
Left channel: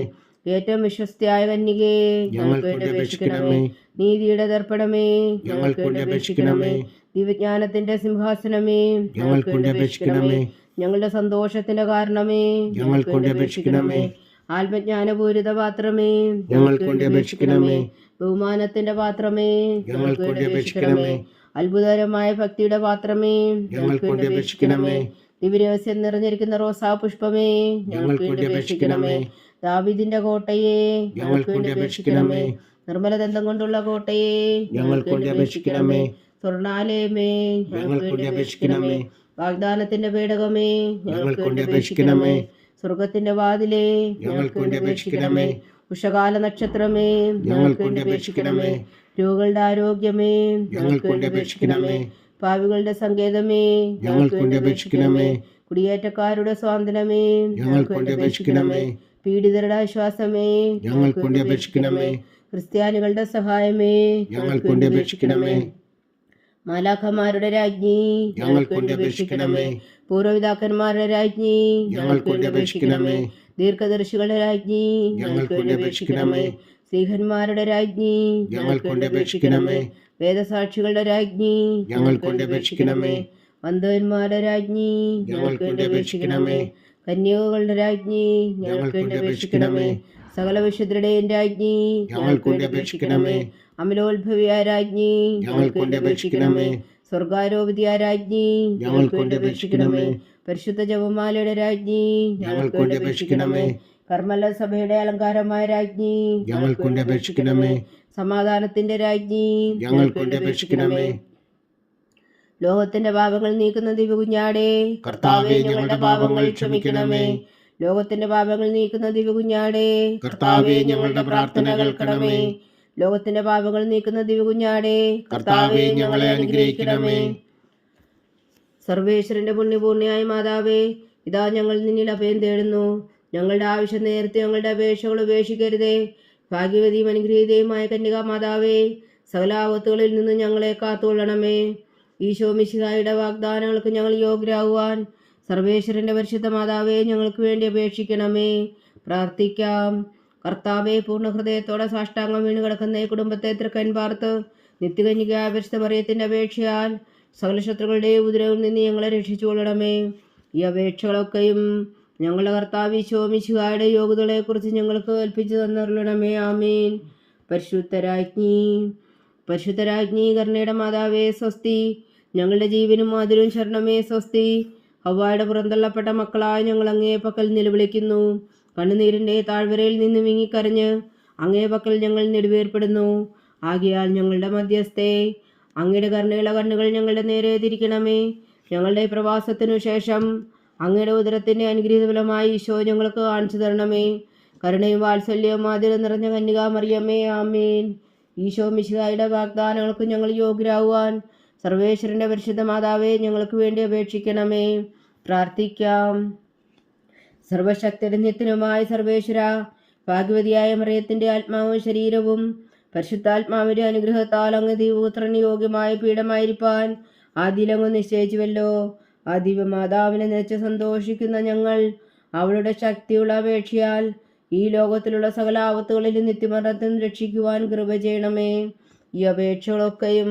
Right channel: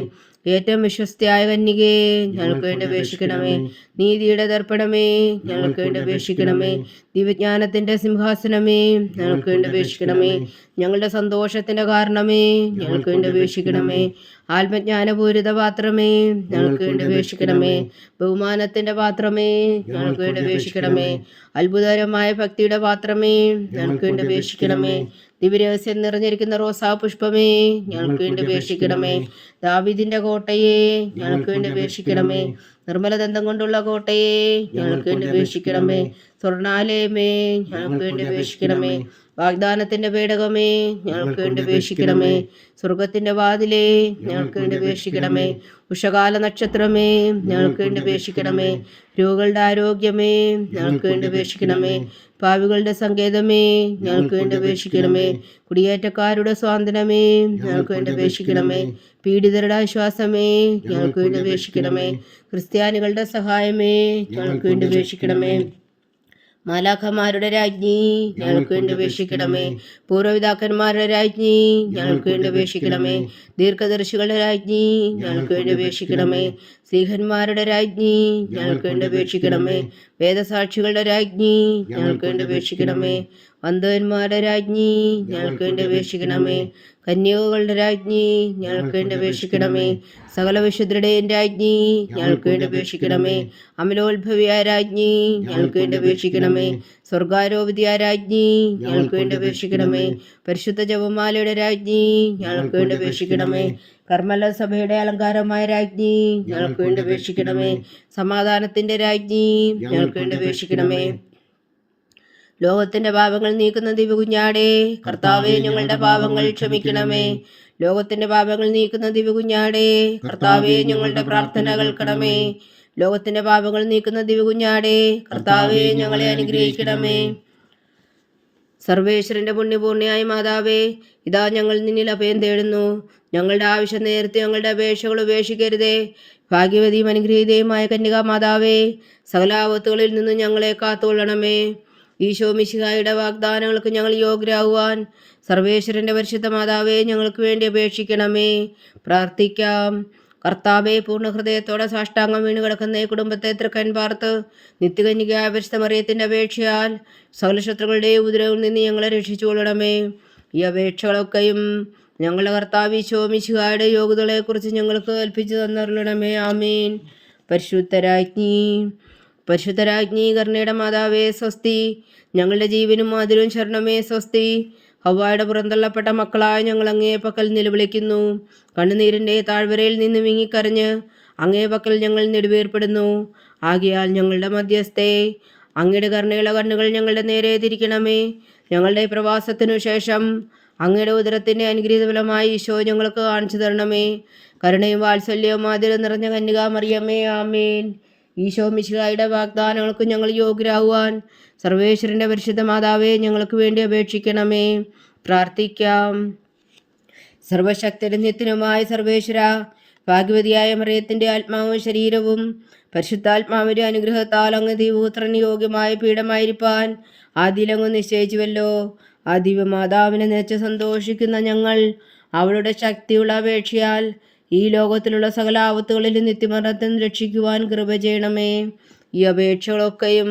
ഏറ്റവും വിശ്വസ്തയായ കന്യകേ, ഞങ്ങൾക്ക് വേണ്ടി അപേക്ഷിക്കണമേ. നീതിയുടെ ദർപ്പണമേ, ഞങ്ങൾക്ക് വേണ്ടി അപേക്ഷിക്കണമേ. ദിവ്യജ്ഞാനത്തിന്റെ സിംഹാസനമേ, ഞങ്ങൾക്ക് വേണ്ടി അപേക്ഷിക്കണമേ. ഞങ്ങളുടെ സന്തോഷത്തിന്റെ കാരണമേ, ഞങ്ങൾക്ക് വേണ്ടി അപേക്ഷിക്കണമേ. ആത്മജ്ഞാനപൂരിത പാത്രമേ, ഞങ്ങൾക്ക് വേണ്ടി അപേക്ഷിക്കണമേ. ബഹുമാനത്തിന്റെ പാത്രമേ, ഞങ്ങൾക്ക് വേണ്ടി അപേക്ഷിക്കണമേ. അത്ഭുതകരമായ ഭക്തിയുടെ പാത്രമേ, ഞങ്ങൾക്ക് വേണ്ടി അപേക്ഷിക്കണമേ. ദിവ്യരഹസ്യം നിറഞ്ഞിരിക്കുന്ന റോസാ പുഷ്പമേ, ഞങ്ങൾക്ക് വേണ്ടി അപേക്ഷിക്കണമേ. ദാവീദിന്റെ കോട്ടയെ, ഞങ്ങൾക്ക് വേണ്ടി അപേക്ഷിക്കണമേ. നിർമ്മലദന്തം കൊണ്ടുള്ള കോട്ടയെ, ഞങ്ങൾക്ക് വേണ്ടി അപേക്ഷിക്കണമേ. സ്വർണാലയമേ, ഞങ്ങൾക്ക് വേണ്ടി അപേക്ഷിക്കണമേ. വാഗ്ദാനത്തിന്റെ പേടകമേ, ഞങ്ങൾക്ക് വേണ്ടി അപേക്ഷിക്കണമേ. സ്വർഗത്തിന്റെ വാതിലേ, ഞങ്ങൾക്ക് വേണ്ടി അപേക്ഷിക്കണമേ. ഉഷകാല നക്ഷത്രമേ, ഞങ്ങൾക്ക് വേണ്ടി അപേക്ഷിക്കണമേ. രോഗികളുടെ ആരോഗ്യമേ, ഞങ്ങൾക്ക് വേണ്ടി അപേക്ഷിക്കണമേ. പാവികളുടെ സങ്കേതമേ, ഞങ്ങൾക്ക് വേണ്ടി അപേക്ഷിക്കണമേ. കുടിയേറ്റക്കാരുടെ സ്വാതന്ത്ര്യമേ, ഞങ്ങൾക്ക് വേണ്ടി അപേക്ഷിക്കണമേ. പീഡിതരുടെ ആശ്വാസമേ, ഞങ്ങൾക്ക് വേണ്ടി അപേക്ഷിക്കണമേ. ക്രിസ്ത്യാനികളുടെ സഹായമേ, ഞങ്ങൾക്ക് വേണ്ടി അപേക്ഷിക്കണമേ. മാലാഖമാരുടെ രാജ്ഞി, ഞങ്ങൾക്ക് വേണ്ടി അപേക്ഷിക്കണമേ. പൂർവ്വപിതാക്കന്മാരുടെ രാജ്ഞി, ഞങ്ങൾക്ക് വേണ്ടി അപേക്ഷിക്കണമേ. ദീർഘദർശികളുടെ രാജ്ഞി, ഞങ്ങൾക്ക് വേണ്ടി അപേക്ഷിക്കണമേ. സ്ത്രീഹന്മാരുടെ രാജ്ഞി, ഞങ്ങൾക്ക് വേണ്ടി അപേക്ഷിക്കണമേ. വേദസാക്ഷികളുടെ രാജ്ഞി, ഞങ്ങൾക്ക് വേണ്ടി അപേക്ഷിക്കണമേ. വന്ധവന്മാരുടെ രാജ്ഞി, ഞങ്ങൾക്ക് വേണ്ടി അപേക്ഷിക്കണമേ. കന്യകകളുടെ രാജ്ഞി, ഞങ്ങൾക്ക് വേണ്ടി അപേക്ഷിക്കണമേ. സകല വിശുദ്ധരുടെയും രാജ്ഞി, ഞങ്ങൾക്ക് വേണ്ടി അപേക്ഷിക്കണമേ. അമലോത്ഭവിയായ രാജ്ഞി, ഞങ്ങൾക്ക് വേണ്ടി അപേക്ഷിക്കണമേ. സ്വർഗാരോപതിയായ രാജ്ഞി, ഞങ്ങൾക്ക് വേണ്ടി അപേക്ഷിക്കണമേ. പരിശുദ്ധ ജപമാലയുടെ രാജ്ഞി, ഞങ്ങൾക്ക് വേണ്ടി അപേക്ഷിക്കണമേ. കർമ്മല സഭയുടെ അലങ്കാരമായ രാജ്ഞി, ഞങ്ങൾക്ക് വേണ്ടി അപേക്ഷിക്കണമേ. സമാധാനത്തിന്റെ രാജ്ഞി, ഞങ്ങൾക്ക് വേണ്ടി അപേക്ഷിക്കണമേ. ലോകത്തിന്റെ പാപങ്ങൾ നീക്കുന്ന ദിവ്യകുഞ്ഞാടേ, കർത്താവേ ഞങ്ങളുടെ പാപങ്ങൾ ക്ഷമിക്കണമേ. ലോകത്തിന്റെ പാപങ്ങൾ നീക്കുന്ന ദിവ്യകുഞ്ഞാടേ, കർത്താവേ ഞങ്ങളുടെ പ്രാർത്ഥന കേൾക്കണമേ. ലോകത്തിന്റെ പാപങ്ങൾ നീക്കുന്ന ദിവ്യകുഞ്ഞാടേ, കർത്താവേ ഞങ്ങളെ അനുഗ്രഹിക്കണമേ. സർവേശ്വരന്റെ പുണ്യപൂർണ്ണയായ മാതാവേ, ഇതാ ഞങ്ങൾ നിന്നിൽ അഭയം തേടുന്നു. ഞങ്ങളുടെ ആവശ്യം നേരത്തെ ഞങ്ങളുടെ അപേക്ഷകൾ ഉപേക്ഷിക്കരുതേ. ഭാഗ്യവതിയും അനുഗ്രഹീതയുമായ കന്യകാ മാതാവേ, സകല ആപത്തുകളിൽ നിന്ന് ഞങ്ങളെ കാത്തുകൊള്ളണമേ. ഈശോ മിശിഹായുടെ വാഗ്ദാനങ്ങൾക്ക് ഞങ്ങൾ യോഗ്യരാകുവാൻ സർവേശ്വരന്റെ പരിശുദ്ധ മാതാവേ, ഞങ്ങൾക്ക് വേണ്ടി അപേക്ഷിക്കണമേ. പ്രാർത്ഥിക്കാം. കർത്താവെ, പൂർണ്ണ ഹൃദയത്തോടെ സാഷ്ടാംഗം വീണ് കിടക്കുന്ന ഈ കുടുംബത്തെ തൃക്കൻ പാർത്ത് നിത്യകന്യകയായ പരിശുദ്ധ മറിയത്തിന്റെ അപേക്ഷയാൽ സകല ശത്രുക്കളുടെ ഉപദ്രവങ്ങളിൽ നിന്ന് ഞങ്ങളെ രക്ഷിച്ചുകൊള്ളണമേ. ഈ അപേക്ഷകളൊക്കെയും ഞങ്ങളുടെ കർത്താവ് ഈശോ മിശിഹായുടെ യോഗ്യതകളെക്കുറിച്ച് ഞങ്ങൾക്ക് കൽപ്പിച്ചു തന്നരുളണമേ. ആമേൻ. പരിശുദ്ധരാജ്ഞി കരുണയുടെ മാതാവേ സ്വസ്തി. ഞങ്ങളുടെ ജീവനും മാതിരും ശരണമേ സ്വസ്തി. ഹവ്വായുടെ പുറന്തള്ളപ്പെട്ട മക്കളായ ഞങ്ങൾ അങ്ങേ പക്കൽ നിലവിളിക്കുന്നു. കണ്ണുനീരിൻ്റെ താഴ്വരയിൽ നിന്ന് വിങ്ങിക്കരഞ്ഞ് അങ്ങേ പക്കൽ ഞങ്ങൾ നെടുവേർപ്പെടുന്നു. ആകയാൽ ഞങ്ങളുടെ മധ്യസ്ഥേ, അങ്ങയുടെ കരുണയുള്ള കണ്ണുകൾ ഞങ്ങളുടെ നേരെ തിരിക്കണമേ. ഞങ്ങളുടെ പ്രവാസത്തിനു ശേഷം അങ്ങയുടെ ഉദരത്തിൻ്റെ അനുഗ്രഹീത ഫലമായി ഈശോ ഞങ്ങൾക്ക് കാണിച്ചു തരണമേ. കരുണയും വാത്സല്യവും മാതിരം നിറഞ്ഞ കന്യകാ മറിയമ്മേ, ആമേൻ. ഈശോ മിശിഹായുടെ വാഗ്ദാനങ്ങൾക്ക് ഞങ്ങൾ യോഗ്യരാകുവാൻ സർവേശ്വരന്റെ പരിശുദ്ധ മാതാവേ, ഞങ്ങൾക്ക് വേണ്ടി അപേക്ഷിക്കണമേ. പ്രാർത്ഥിക്കാം. സർവശക്തനും നിത്യനുമായ സർവേശ്വര, ഭാഗ്യവതിയായ മറിയത്തിന്റെ ആത്മാവും ശരീരവും പരിശുദ്ധാത്മാവിന്റെ അനുഗ്രഹത്താൽ അങ്ങ് ദൈവപുത്രന് യോഗ്യമായ പീഠമായിരിക്കാൻ ആദ്യലങ്ങ് നിശ്ചയിച്ചുവല്ലോ. ആ ദിവ്യമാതാവിനെ നിലച്ച് സന്തോഷിക്കുന്ന ഞങ്ങൾ അവളുടെ ശക്തിയുള്ള അപേക്ഷയാൽ ഈ ലോകത്തിലുള്ള സകല ആപത്തുകളിലും നിത്യമരണത്തിൽ രക്ഷിക്കുവാൻ കൃപ ചെയ്യണമേ. ഈ അപേക്ഷകളൊക്കെയും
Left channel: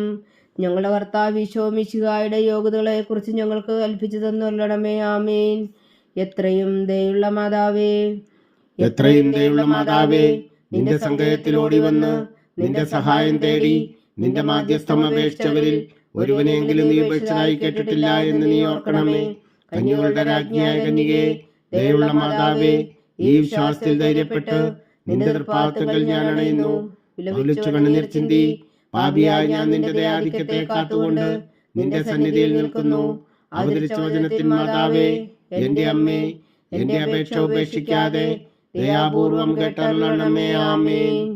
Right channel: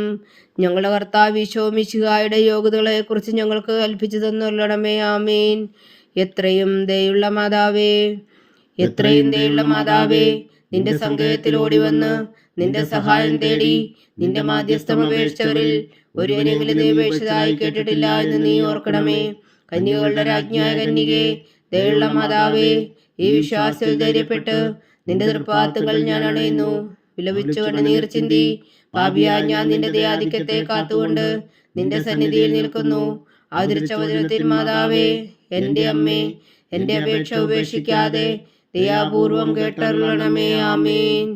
ഞങ്ങളുടെ കർത്താവ് ഈശോ മിശിഹായുടെ യോഗ്യതകളെക്കുറിച്ച് ഞങ്ങൾക്ക് കൽപ്പിച്ചു തന്നുള്ളണമേ. ആമേൻ. എത്രയും ദയുള്ള മാതാവേ, നിന്റെ സങ്കേതത്തിൽ ഓടി വന്ന് നിന്റെ സഹായം തേടി നിന്റെ മാധ്യസ്ഥം അപേക്ഷിച്ചവരിൽ ഒരുവനെങ്കിലും നീ ഉപേക്ഷിച്ചതായി കേട്ടിട്ടില്ല എന്ന് നീ ഓർക്കണമേ. കന്യകളുടെ രാജ്ഞിയായ കന്യകേ, ദയുള്ള മാതാവേ, ഈ വിശ്വാസത്തിൽ ധൈര്യപ്പെട്ട് നിന്റെ തൃപ്പാദങ്ങൾ ഞാൻ അണയുന്നു. വിലപിച്ചു കണ്ണുനീർ ചിന്തി പാപിയായ ഞാൻ നിന്റെ ദയാധിക്യത്തെ കാത്തുകൊണ്ട് നിന്റെ സന്നിധിയിൽ നിൽക്കുന്നു. ആദരിച്ച വചനത്തിൽ മാതാവേ, എന്റെ അമ്മേ, എന്റെ അപേക്ഷ ഉപേക്ഷിക്കാതെ ദയാപൂർവം കേട്ടരുളണമേ. ആമേൻ.